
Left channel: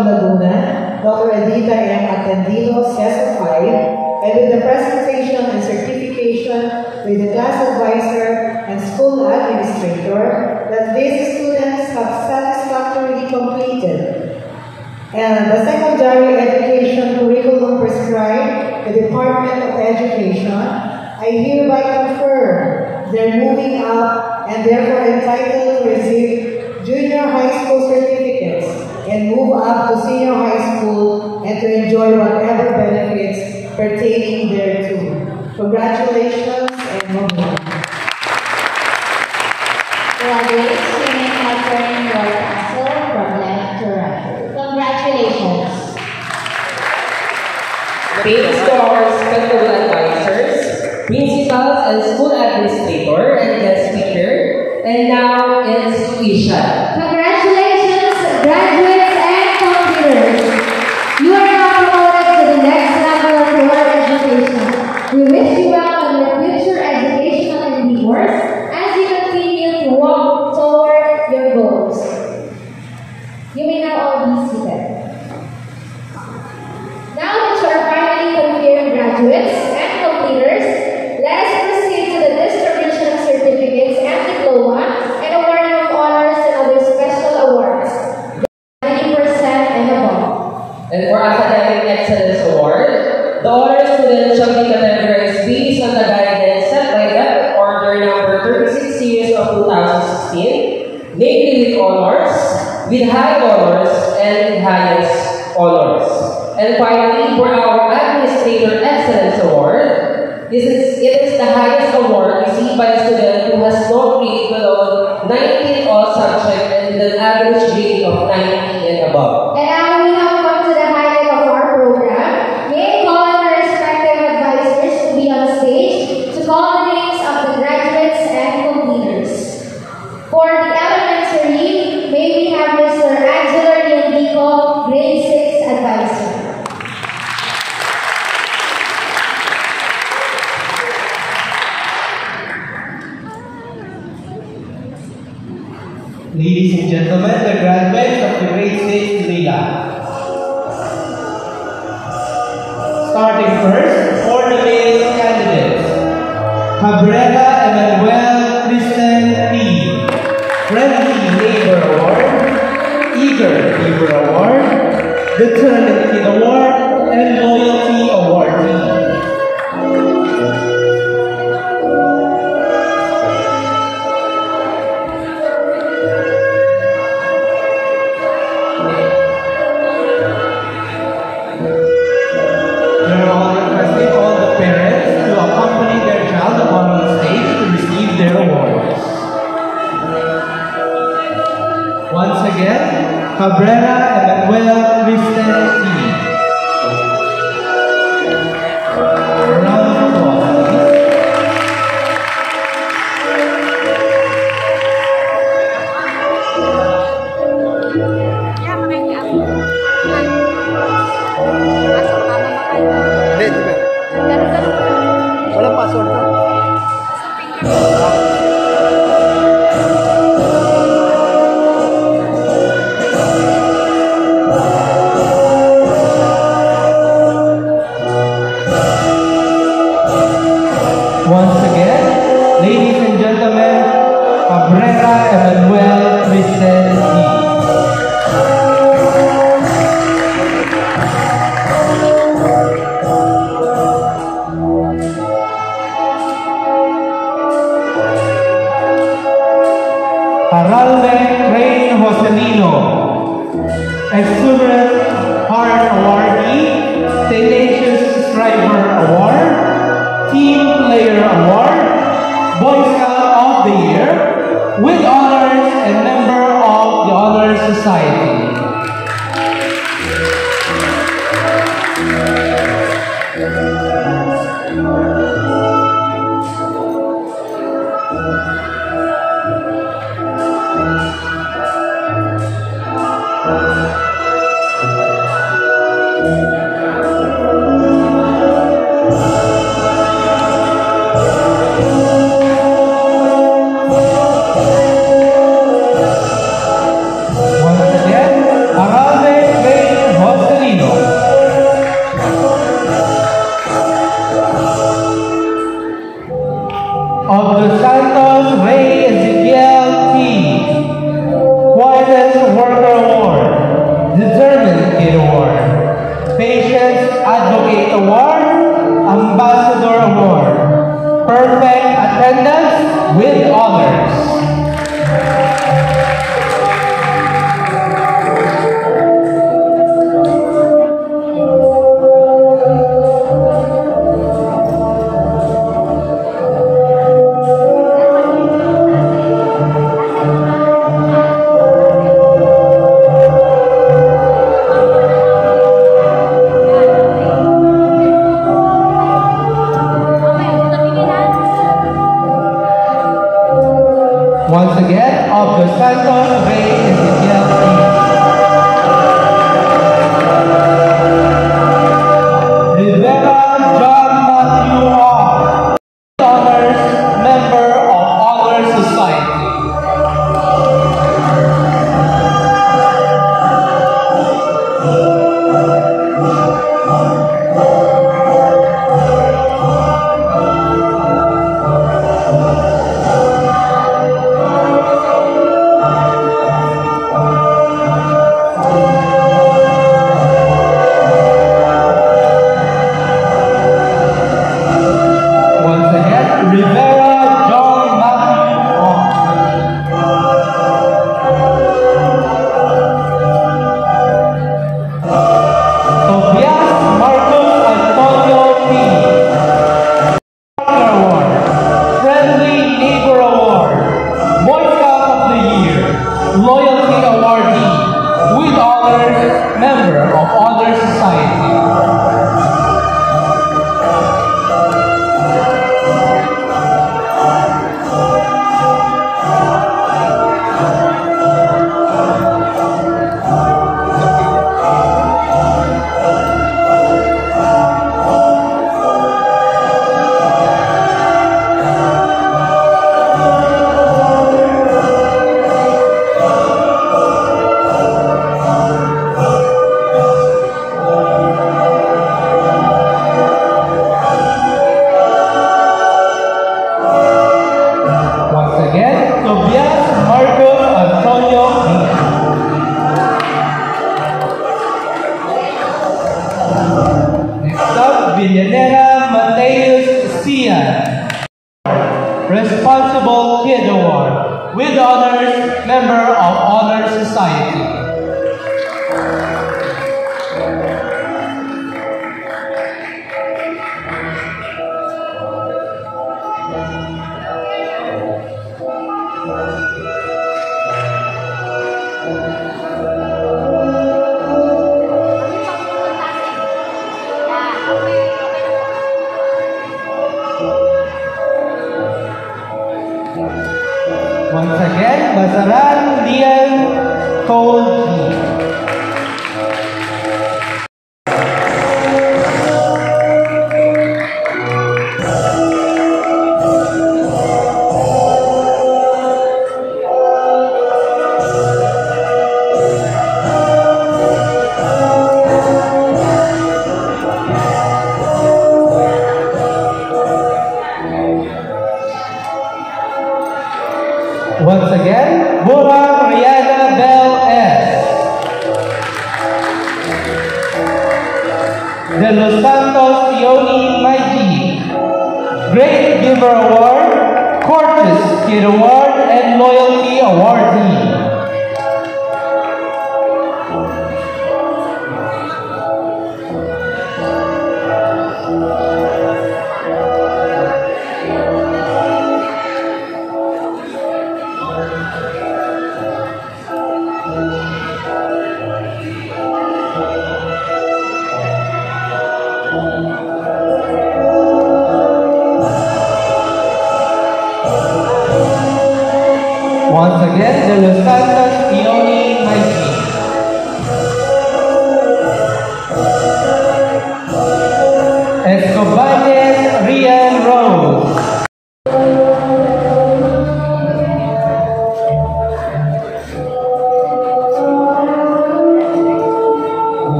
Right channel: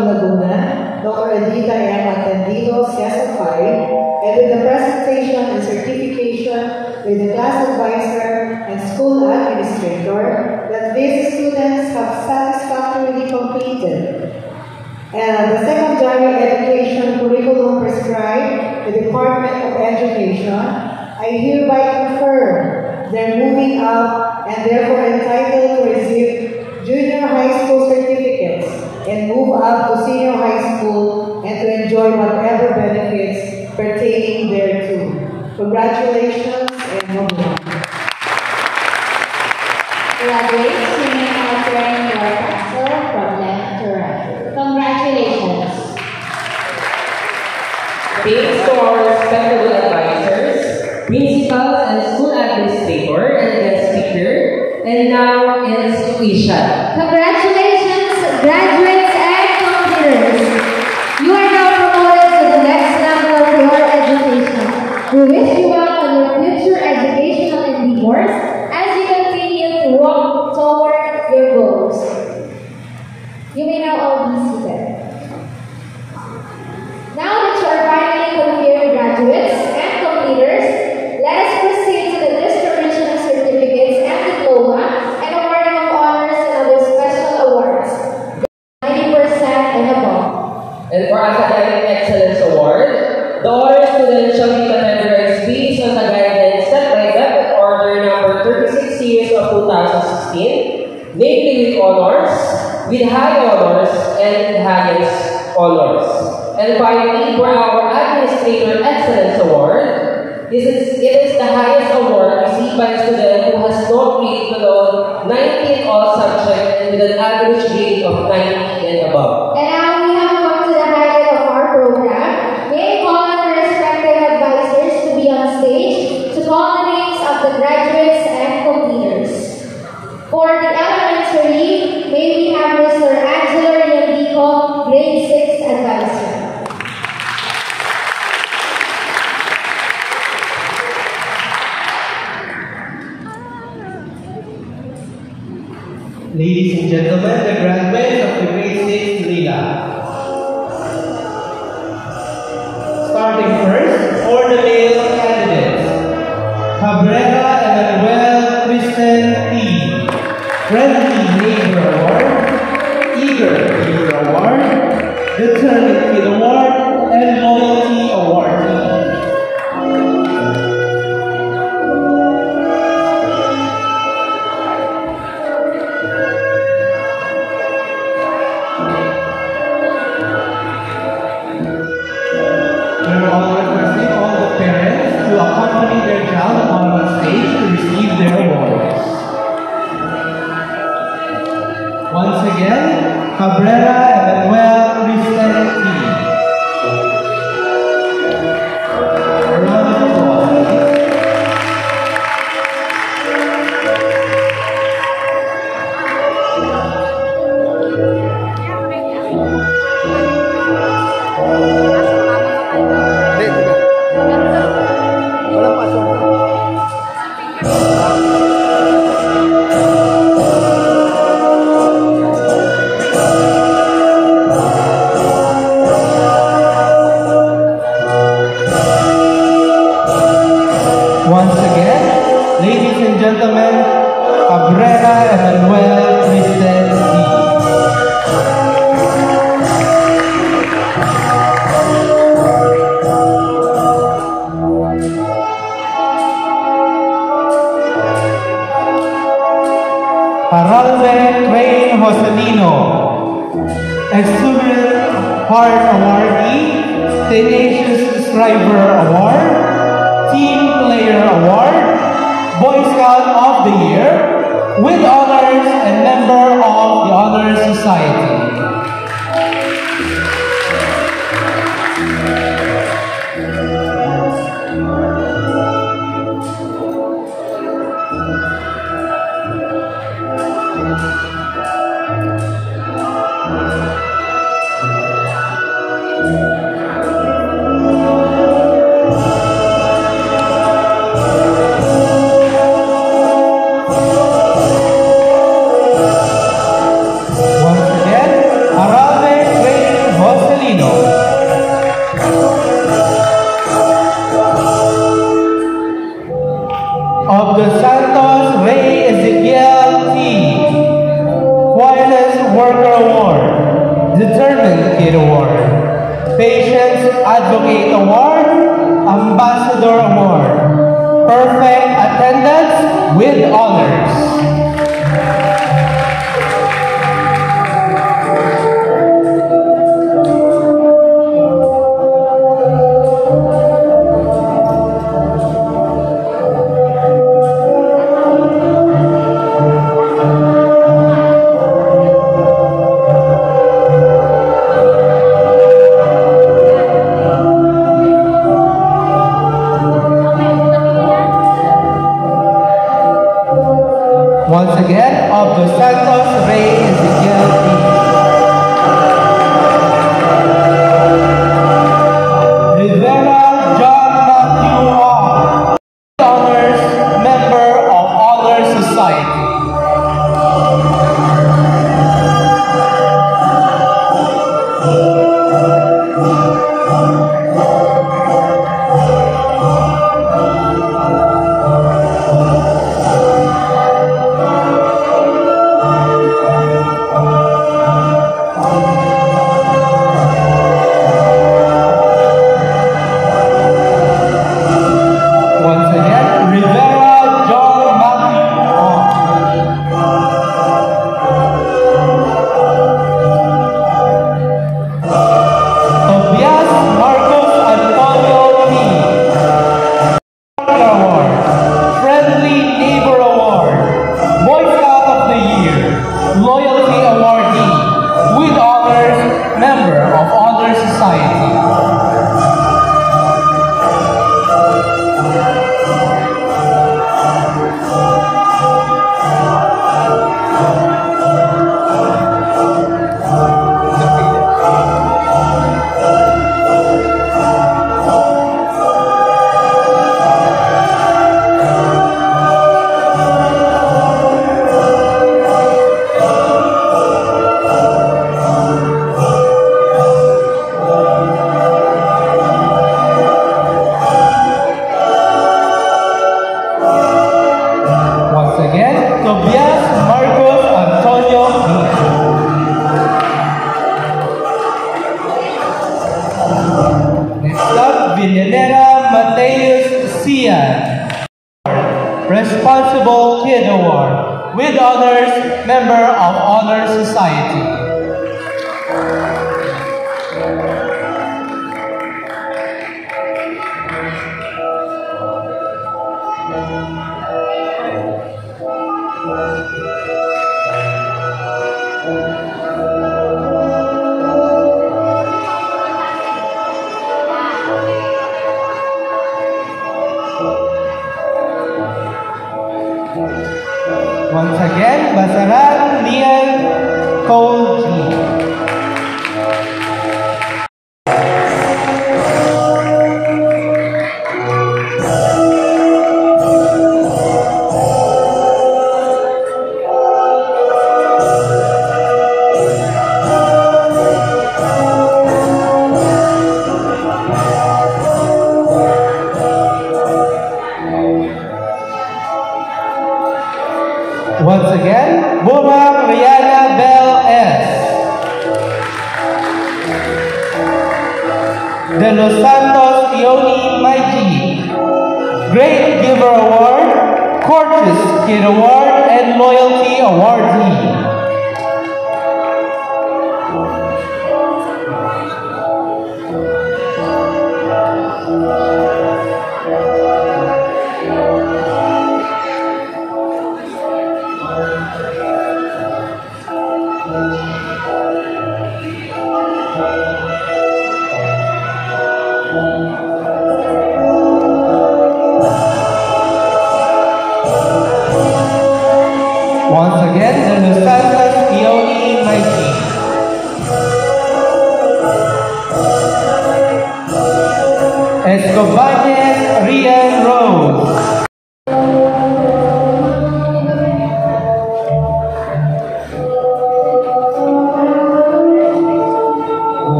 of Laguna, Dr. Edita M. Atendido, CSFI, and with the presentation and certification with the class advisor and school administrator that these students have satisfactorily completed. And the secondary education curriculum prescribed the Department of Education, I hereby confirm they're moving up and therefore entitled to receive junior high school certificates and move up to senior high school and to enjoy whatever benefits pertaining thereto. Congratulations and move on. Graduates, you may now turn your pencil from left to right. Congratulations. Thanks to our special advisors, principals, and school administrator, and guest speaker. And now it's tuition. Congratulations, graduates and computers. You are now promoted to the next level of your education. We wish you well on your future educational endeavors as you continue to walk toward your goals. You may now all be seated. Now that you are finally confirmed graduates and completers, let us proceed to the distribution of certificates and diploma and awarding of honors and other special awards. 90% and above. And for Academic Excellence Award, the honor student shall be categorized based on the guidance set by Method Order number 36 series of 2016, namely with honors, with high honors, and with highest honors. And finally, for our Administrator Excellence Award, it is the highest award received by a student who has not grade below 90 in all subjects and with an average grade of 90 and above. And now we have come to the highlight of our program. May I call on the respective advisors to be on stage to call the names of the graduates and completers. For the elementary, may we have Mr. Angelo Riandico, grade 6 advisor. Ladies and gentlemen, the graduates of the grade 6 Lila. Starting first, for the male candidates. Cabrera Emmanuel Kristen P. Friendly Neighbor Award, Eager Neighbor Award, Determined Kid Award, and Loyalty Award. Cabrera Emmanuel Kristen P. Round of applause. Walang password to. Once again, ladies and gentlemen, Cabrera Emmanuel Kristen P. Haralde Rain Joselino, Exuberant Heart Awardee, Tenacious Striver Award, Team Player Award, Boy Scout of the Year, with honors and member of the Honor Society. member of Honor Society. Responsible Kid Award with honors, member of Honor Society. Once again, Basaran Lian Cole G. Once again, Burang Rihanna Bell S. De Los Santos Ioni Maiji, Great Giver Award, Courteous Kid Award, and Loyalty Awardee. Once again,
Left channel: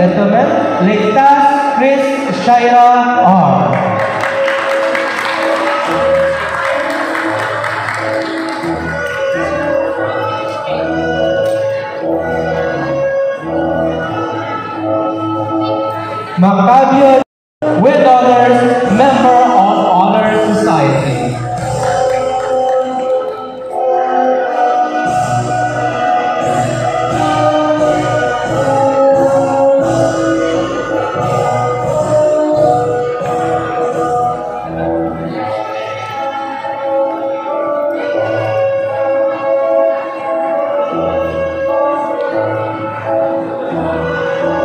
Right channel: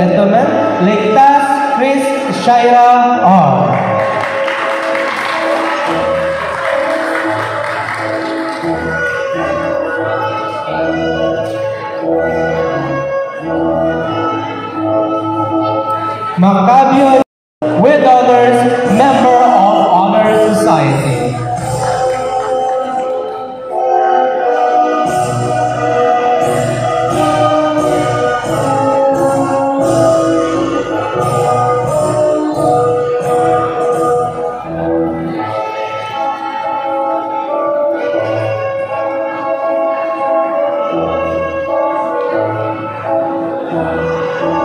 gentlemen, Lectas Chris Shaira R. Maccabian with honors, member of Honor Society.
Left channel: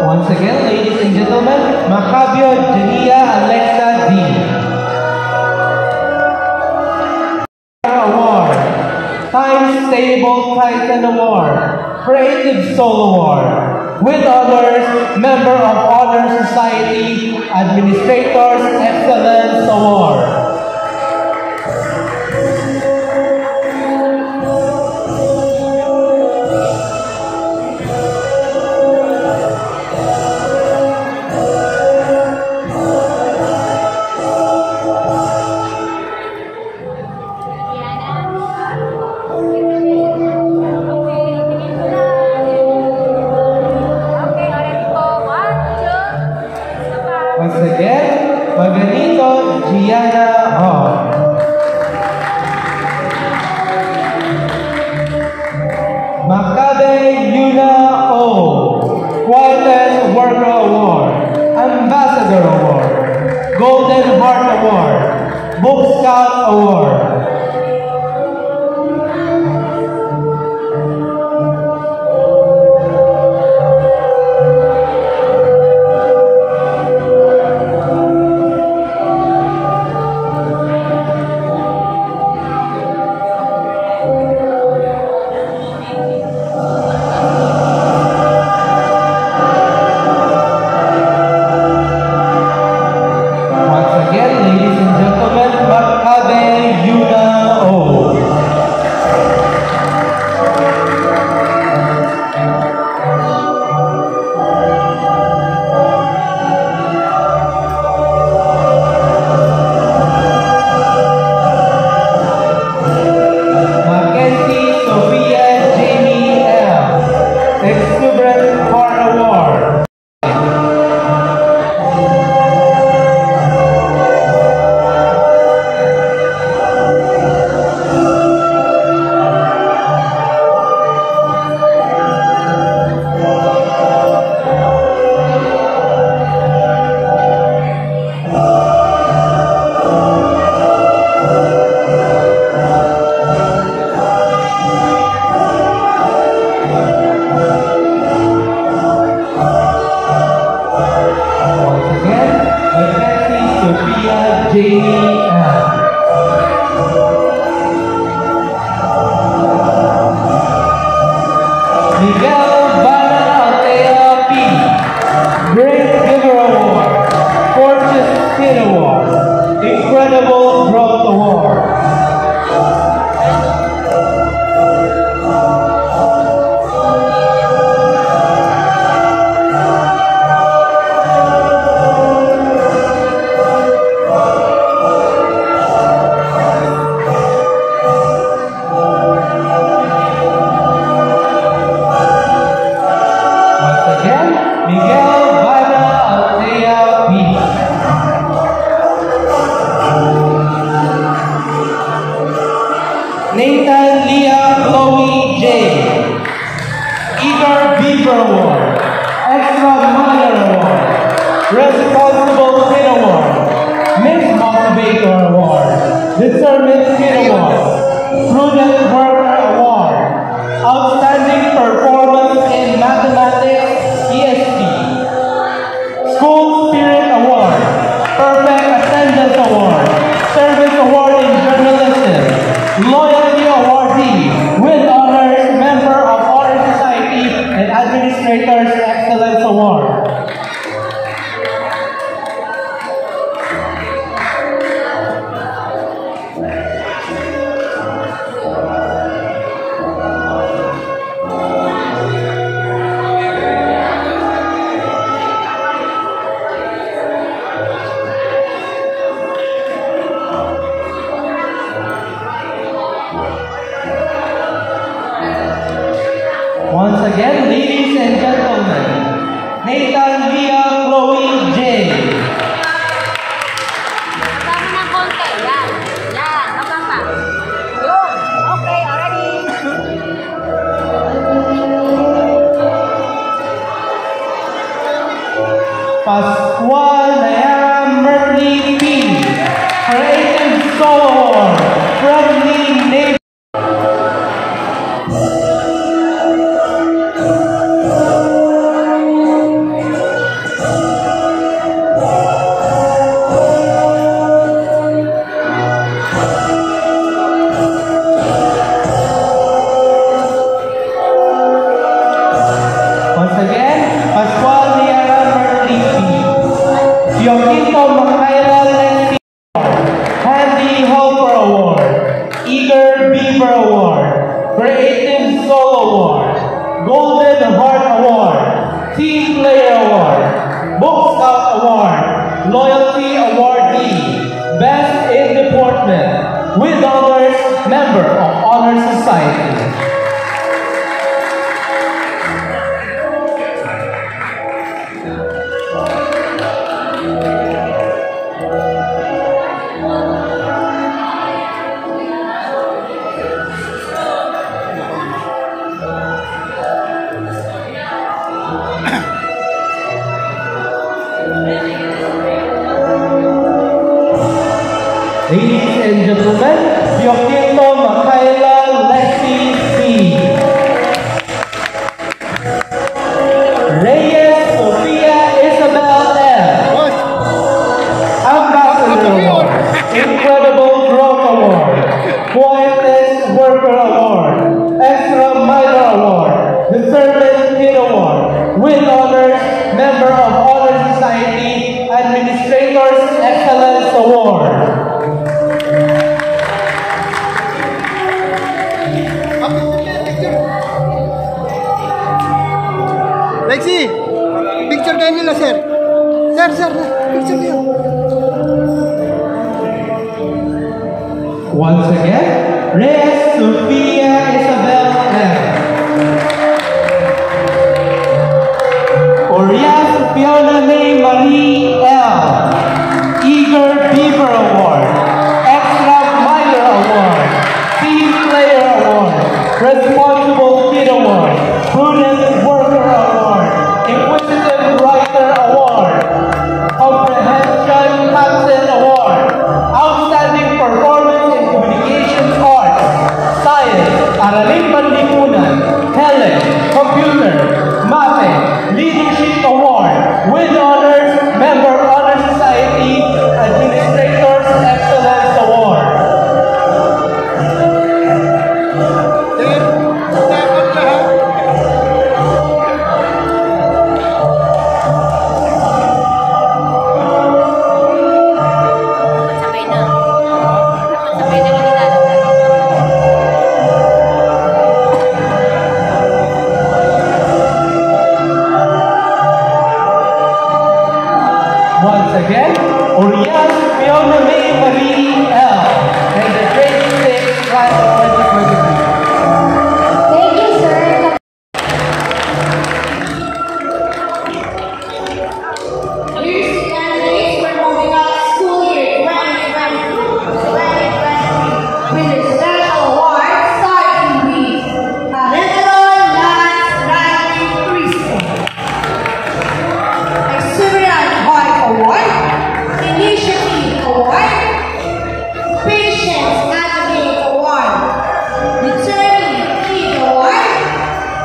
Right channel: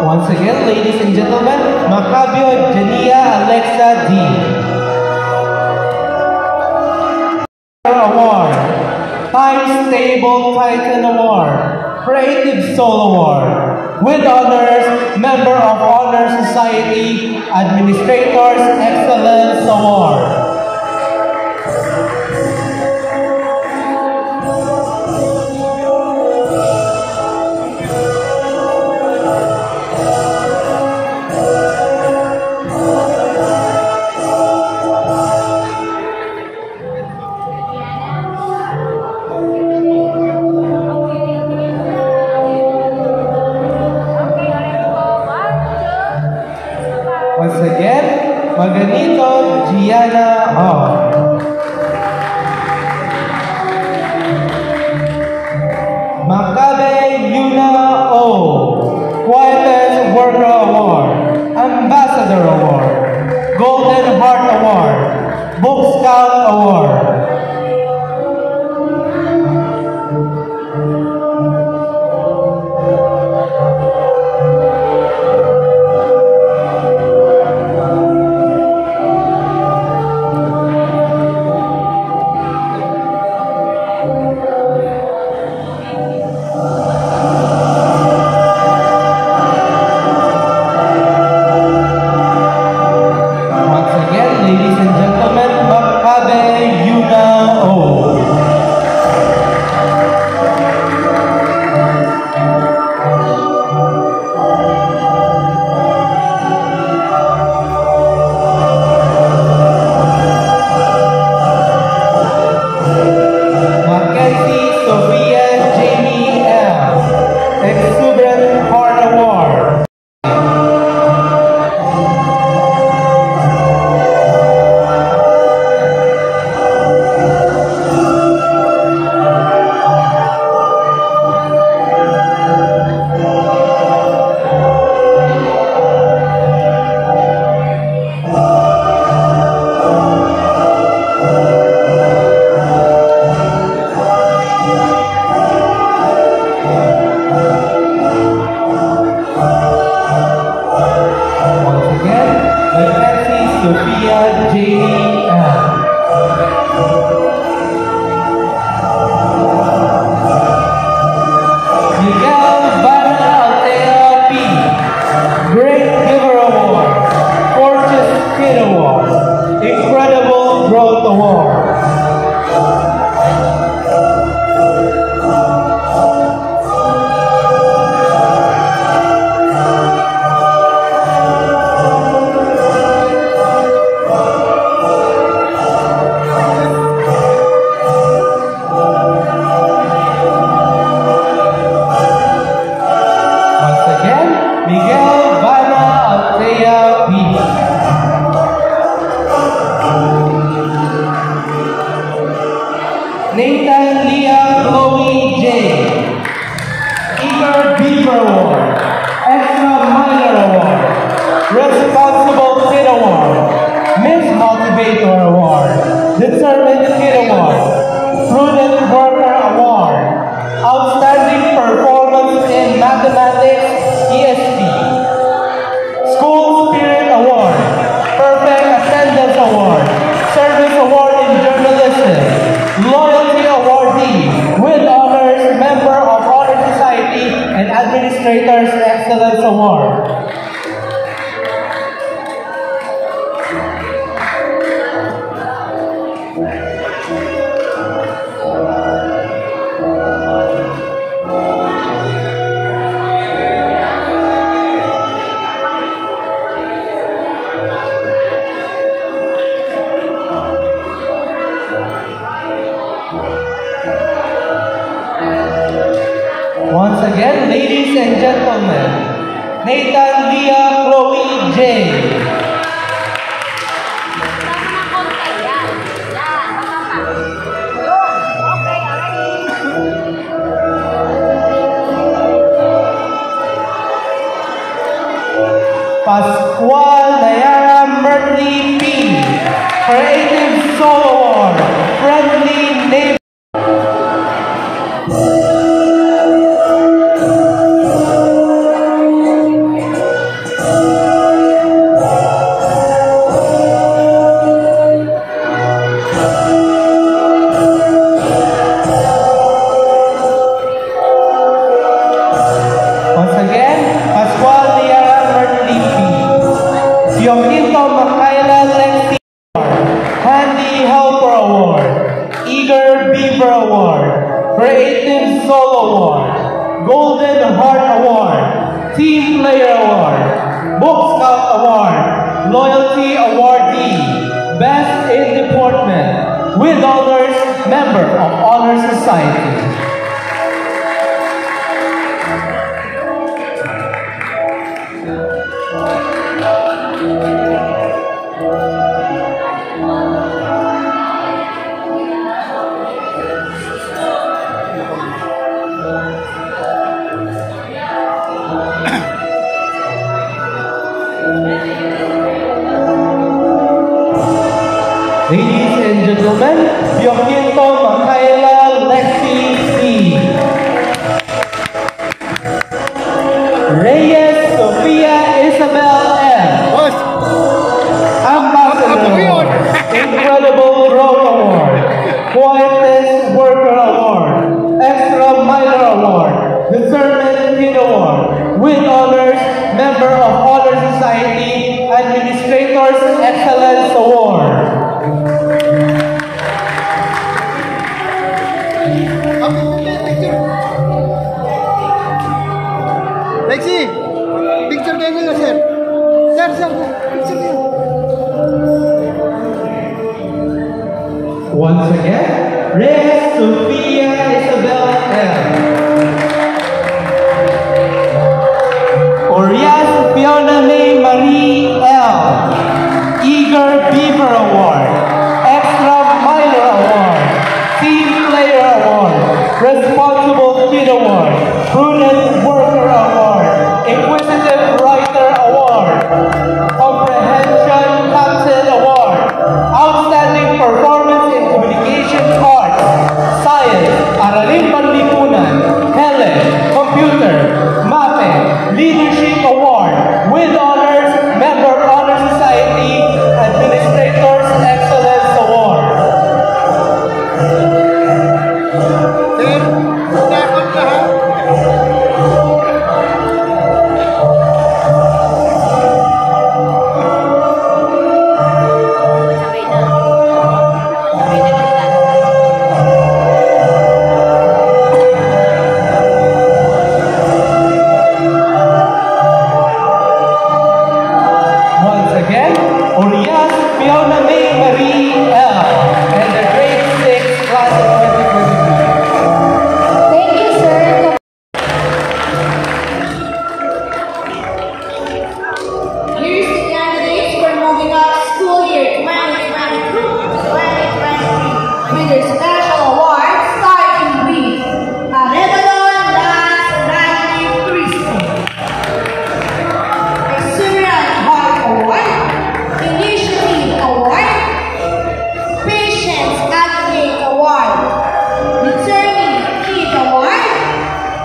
Once again, ladies and gentlemen, Maccabian Jania Alexa D. Award, Times Table Titan Award, Creative Soul Award, with honors, Member of Honor Society, Administrators Excellence Award. Once again, Maganito Gianna Hall. Maccabe Yuna O. Quietest Worker Award. Ambassador Award. Golden Heart Award. Book Scout Award. Nathan Leah Chloe J. Pascual Nayara Mertley P. Creative Solo Award. Friendly Neighbor. Once again, Pascual Nayara Mertley P. Yoquito Makayla Lexi Award. Handy Helper Award. Eager Beaver Award. Creative Solo Award. Golden Heart Award. Team Player Award. Book Scout Award. Loyalty Awardee. Best in Deportment. With honors, member of Honor Society. Ladies and gentlemen, Yoquito Makayla Lexi C. Reyes Sofia Isabel F. Ambassador Award. Incredible Growth Award. Quietest Worker Award. Extra Minor Award. Discernment Kid Award. With honors, member of Honor Society, Administrators Excellence Award. Lexi, picture kayo nila, sir. Sir, picture kayo. Once again, Reyes Sofia Isabel M. Orias Fiona May Marie L. Eager Beaver Award. Extra Minor Award. Team Player Award. Responsible Kid Award. Prudent Worker Award. Inquisitive Writer Award. Comprehension Captain Award. Outstanding Performance in Communication Arts. Science. Araling Panlipunan. Hele. Computer. Mape. Leadership Award. With honors, member Honor Society, Administrators Excellence Award. Sir, takot na ha. Sabay na. Sabay na kita. Once again, Orias Fiona May Marie L. And the grade 6 class of 2023. Thank you, sir. Here's the candidates for moving up school year 2022-2023 with their special award starting with Arevalo Lance Randy Cristo, Exuberant Heart Award, Initiative Award, Patience Advocate Award, Returning Kid Award,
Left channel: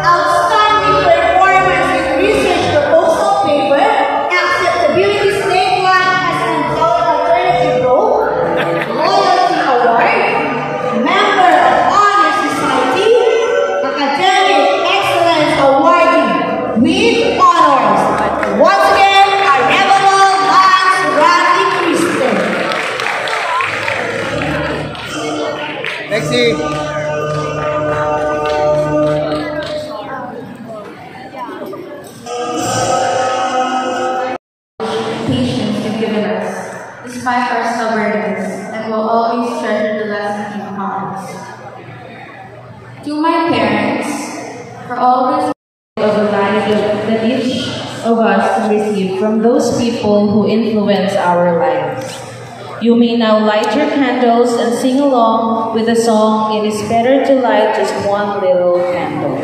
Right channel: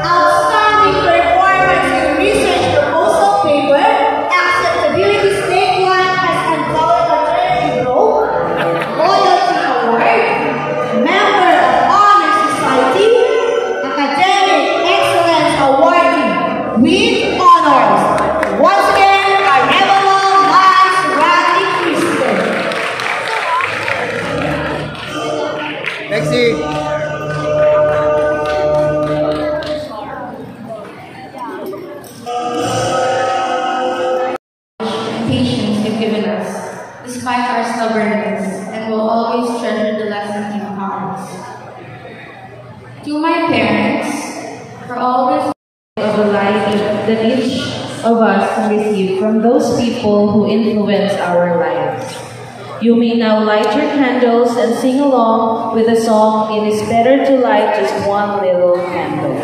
Outstanding Performance in Research Proposal Paper, Acceptability Statewide as Empowered Alternative Role, Loyalty Award, Member of Honor Society, Academic Excellence Awardee with honors. Once again, Arevalo Lance Randy Cristo. Lexi. Patience you've given us, despite our stubbornness, and will always treasure the lessons you've taught us. To my parents, for always of the life that each of us to receive from those people who influence our lives. You may now light your candles and sing along with the song, "It is better to light just one little candle."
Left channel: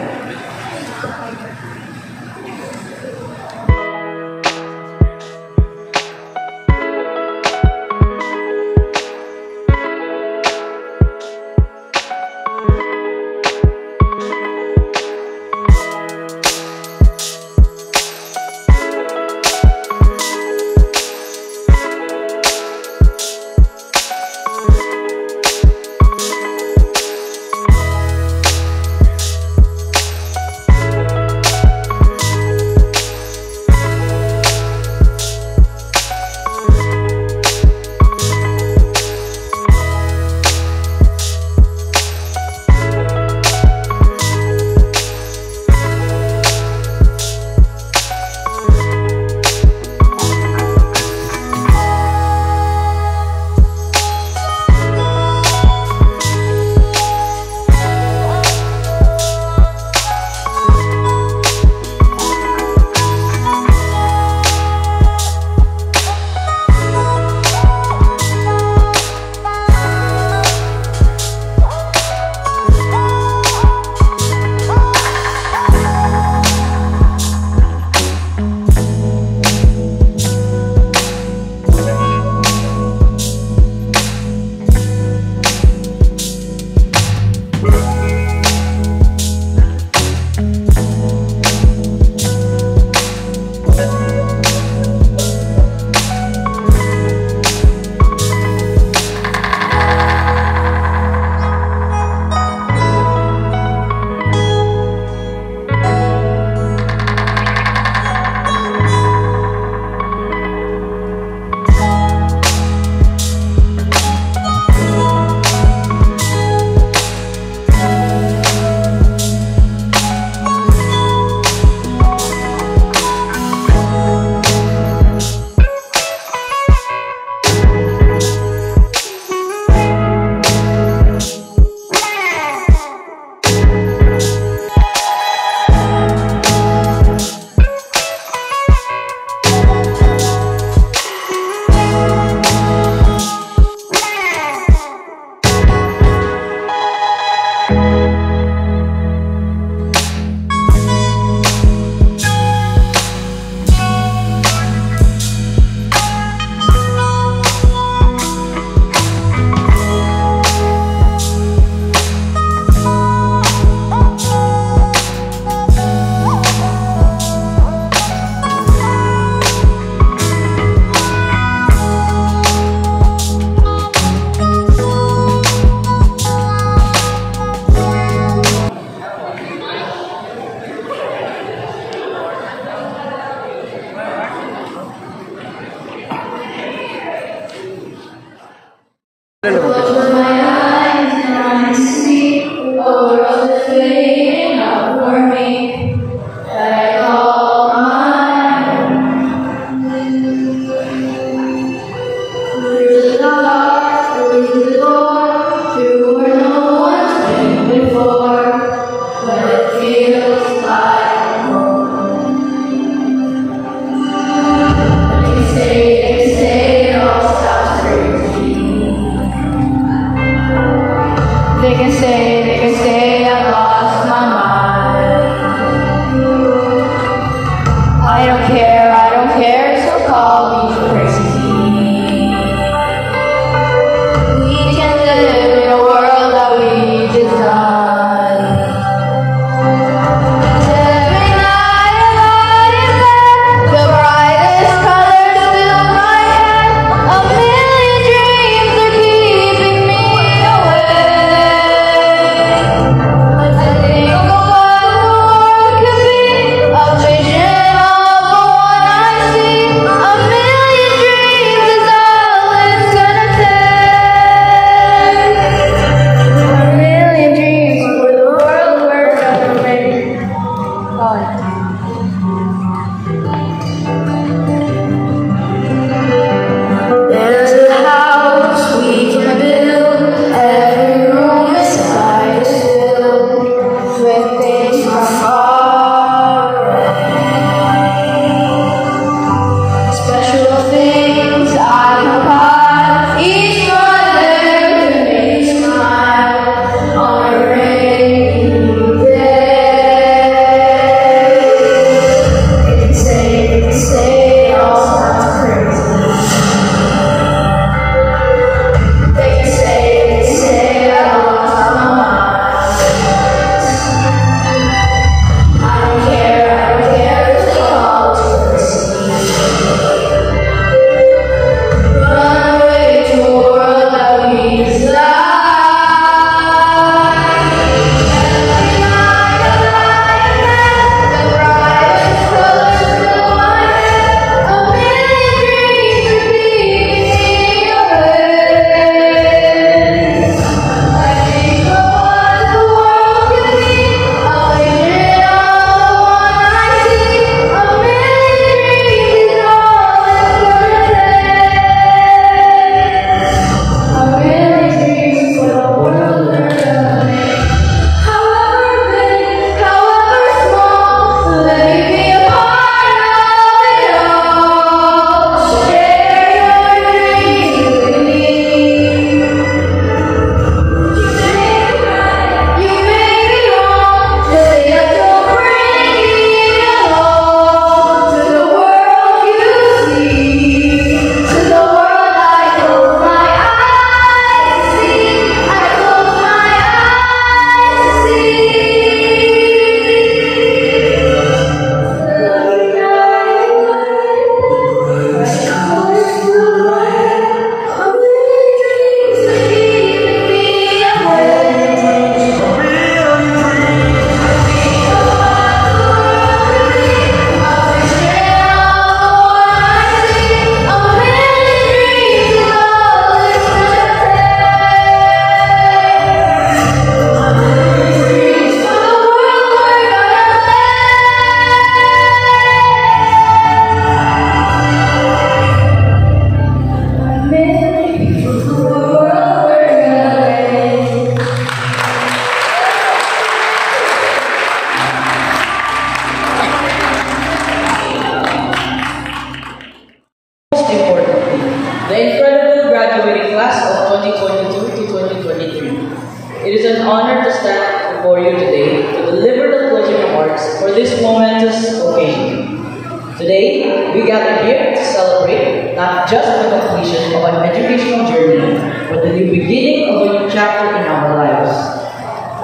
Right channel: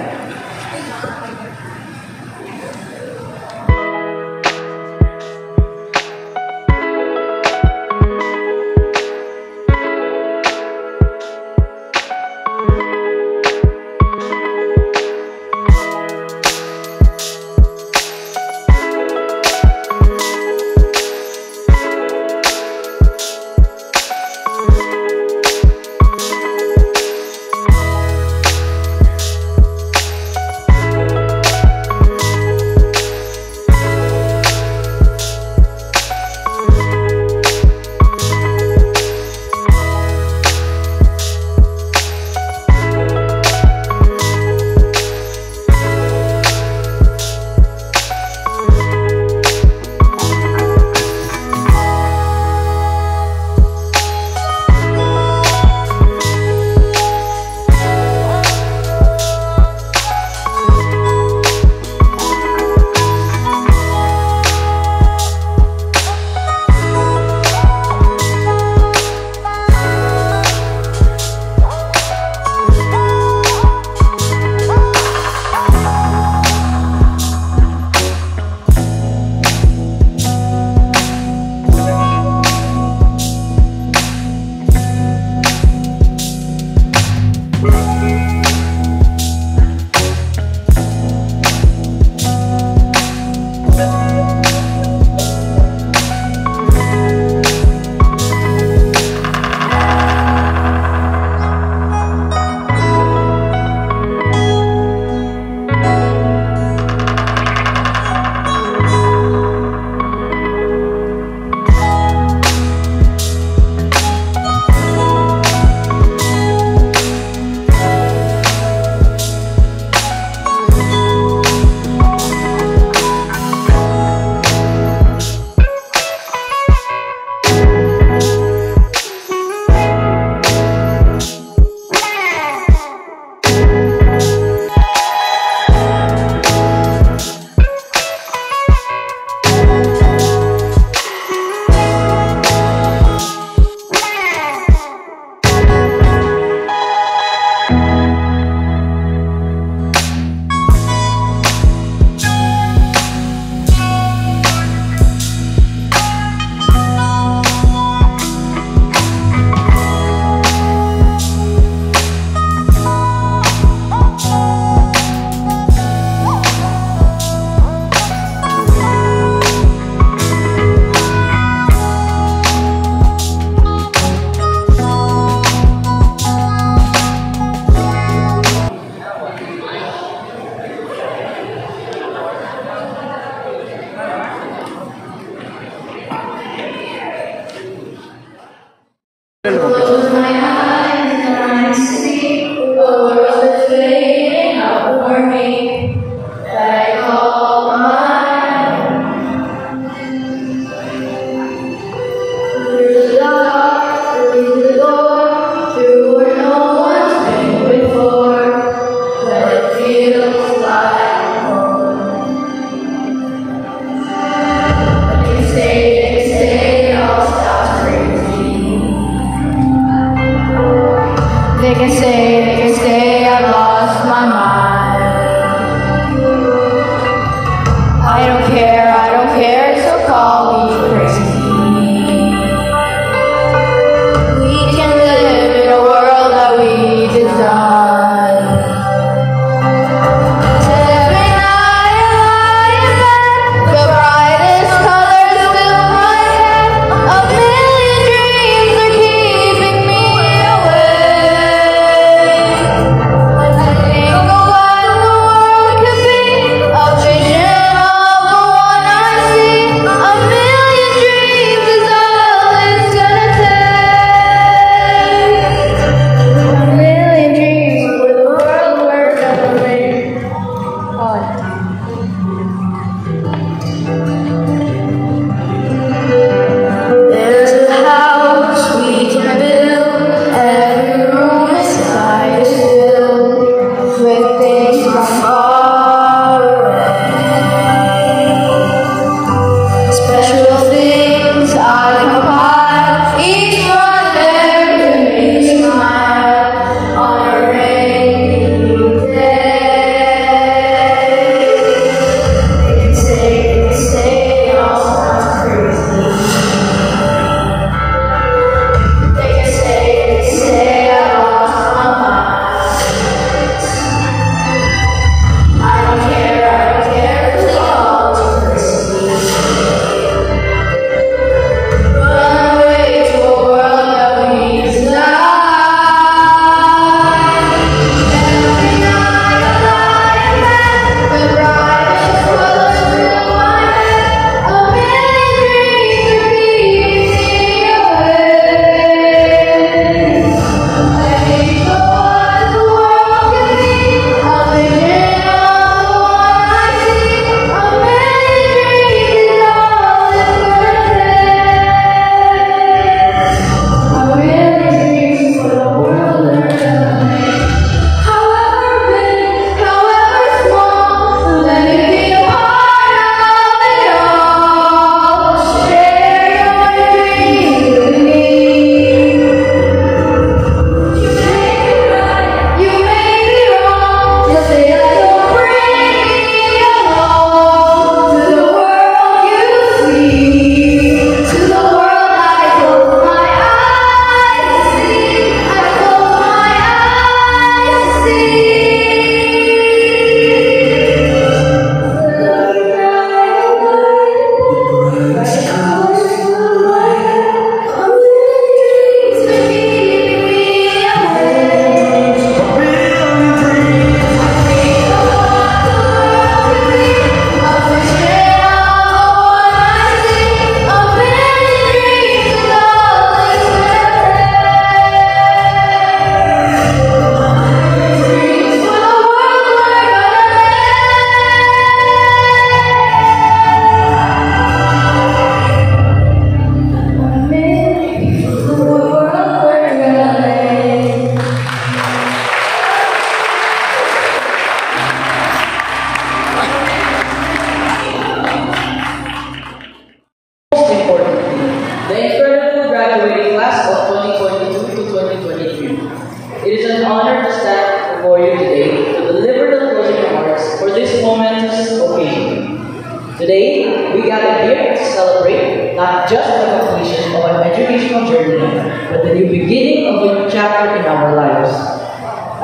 an honor to stand before you today to deliver the closing remarks for this momentous occasion. Today, we gather here to celebrate not just the completion of our educational journey, but the new beginning of a new chapter in our lives.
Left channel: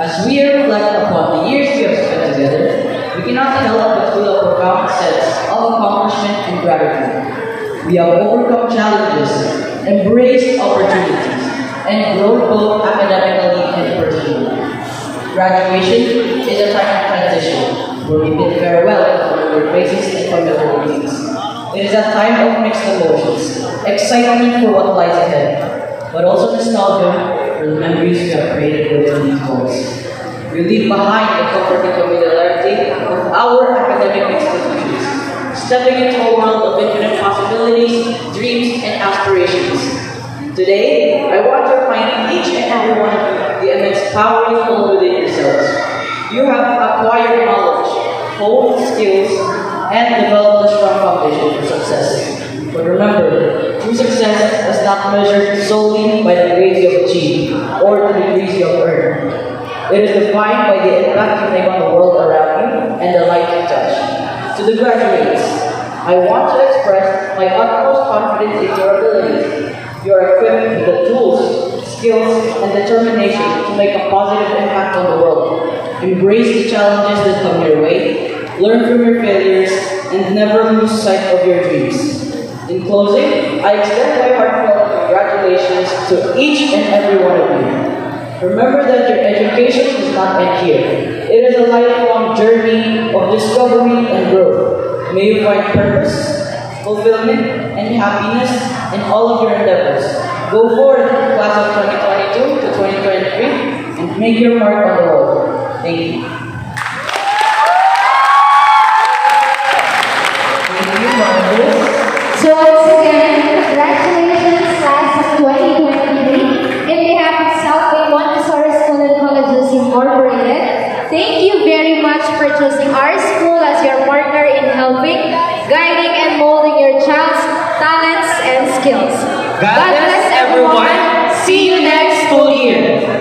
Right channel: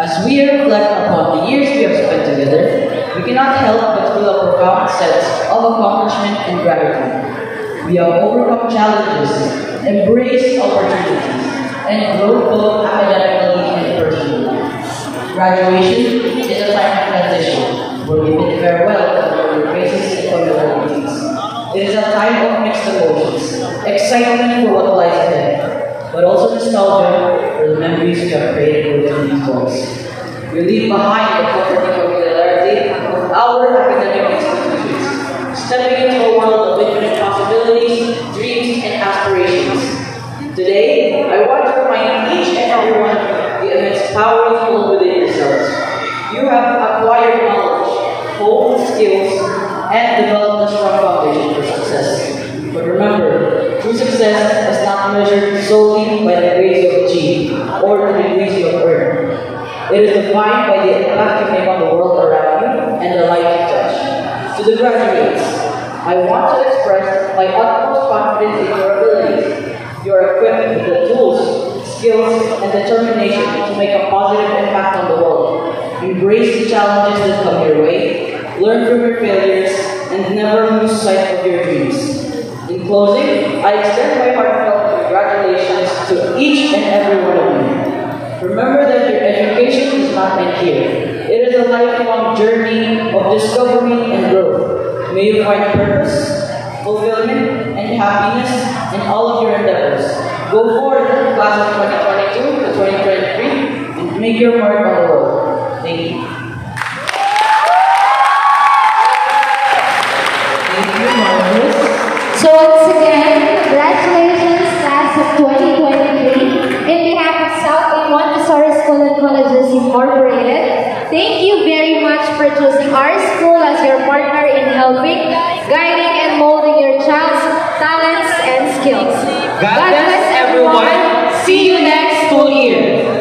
As we reflect upon the years we have spent together, we cannot help but feel a profound sense of accomplishment and gratitude. We have overcome challenges, embraced opportunities, and grown both academically and personally. Graduation is a time of transition, where we bid farewell to our faces and familiar faces. It is a time of mixed emotions, excitement for what lies ahead, but also nostalgia for the memories we have created within these walls. We leave behind the comforting familiarity of our academic institutions, stepping into a world of infinite possibilities, dreams, and aspirations. Today, I want to remind each and every one of you the immense power you hold within yourselves. You have acquired knowledge, honed skills, and developed a strong foundation for success. But remember, true success is not measured solely by the grades you have achieved or the degrees you have earned. It is defined by the impact you make on the world around you and the life you touch. To the graduates, I want to express my utmost confidence in your abilities. You are equipped with the tools, skills, and determination to make a positive impact on the world. Embrace the challenges that come your way, learn from your failures, and never lose sight of your dreams. In closing, I extend my heartfelt congratulations to each and every one of you. Remember that your education does not end here. It is a lifelong journey of discovery and growth. May you find purpose, fulfillment, and happiness in all of your endeavors. Go forward, class of 2022 to 2023, and make your mark on the world. Thank you. So once again, congratulations class of 2023. In behalf of Southway Montessori School and Colleges Incorporated, thank you very much for choosing our school as your partner in helping, guiding, and molding your child's talents and skills. God bless everyone. See you next school year.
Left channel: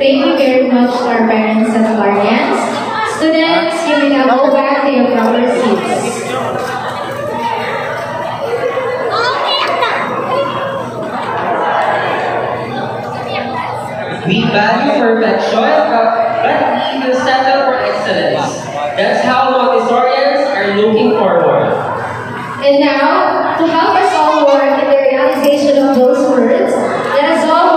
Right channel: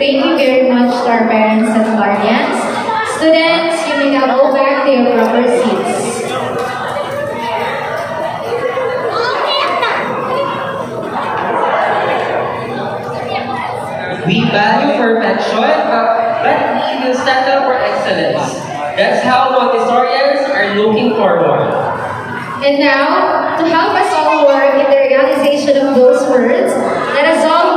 Thank you very much to our parents and guardians. Students, you may now go back to your proper seats. We value perfection, but we will settle for excellence. That's how Montessorians are looking forward. And now, to help us all work in the realization of those words, let us all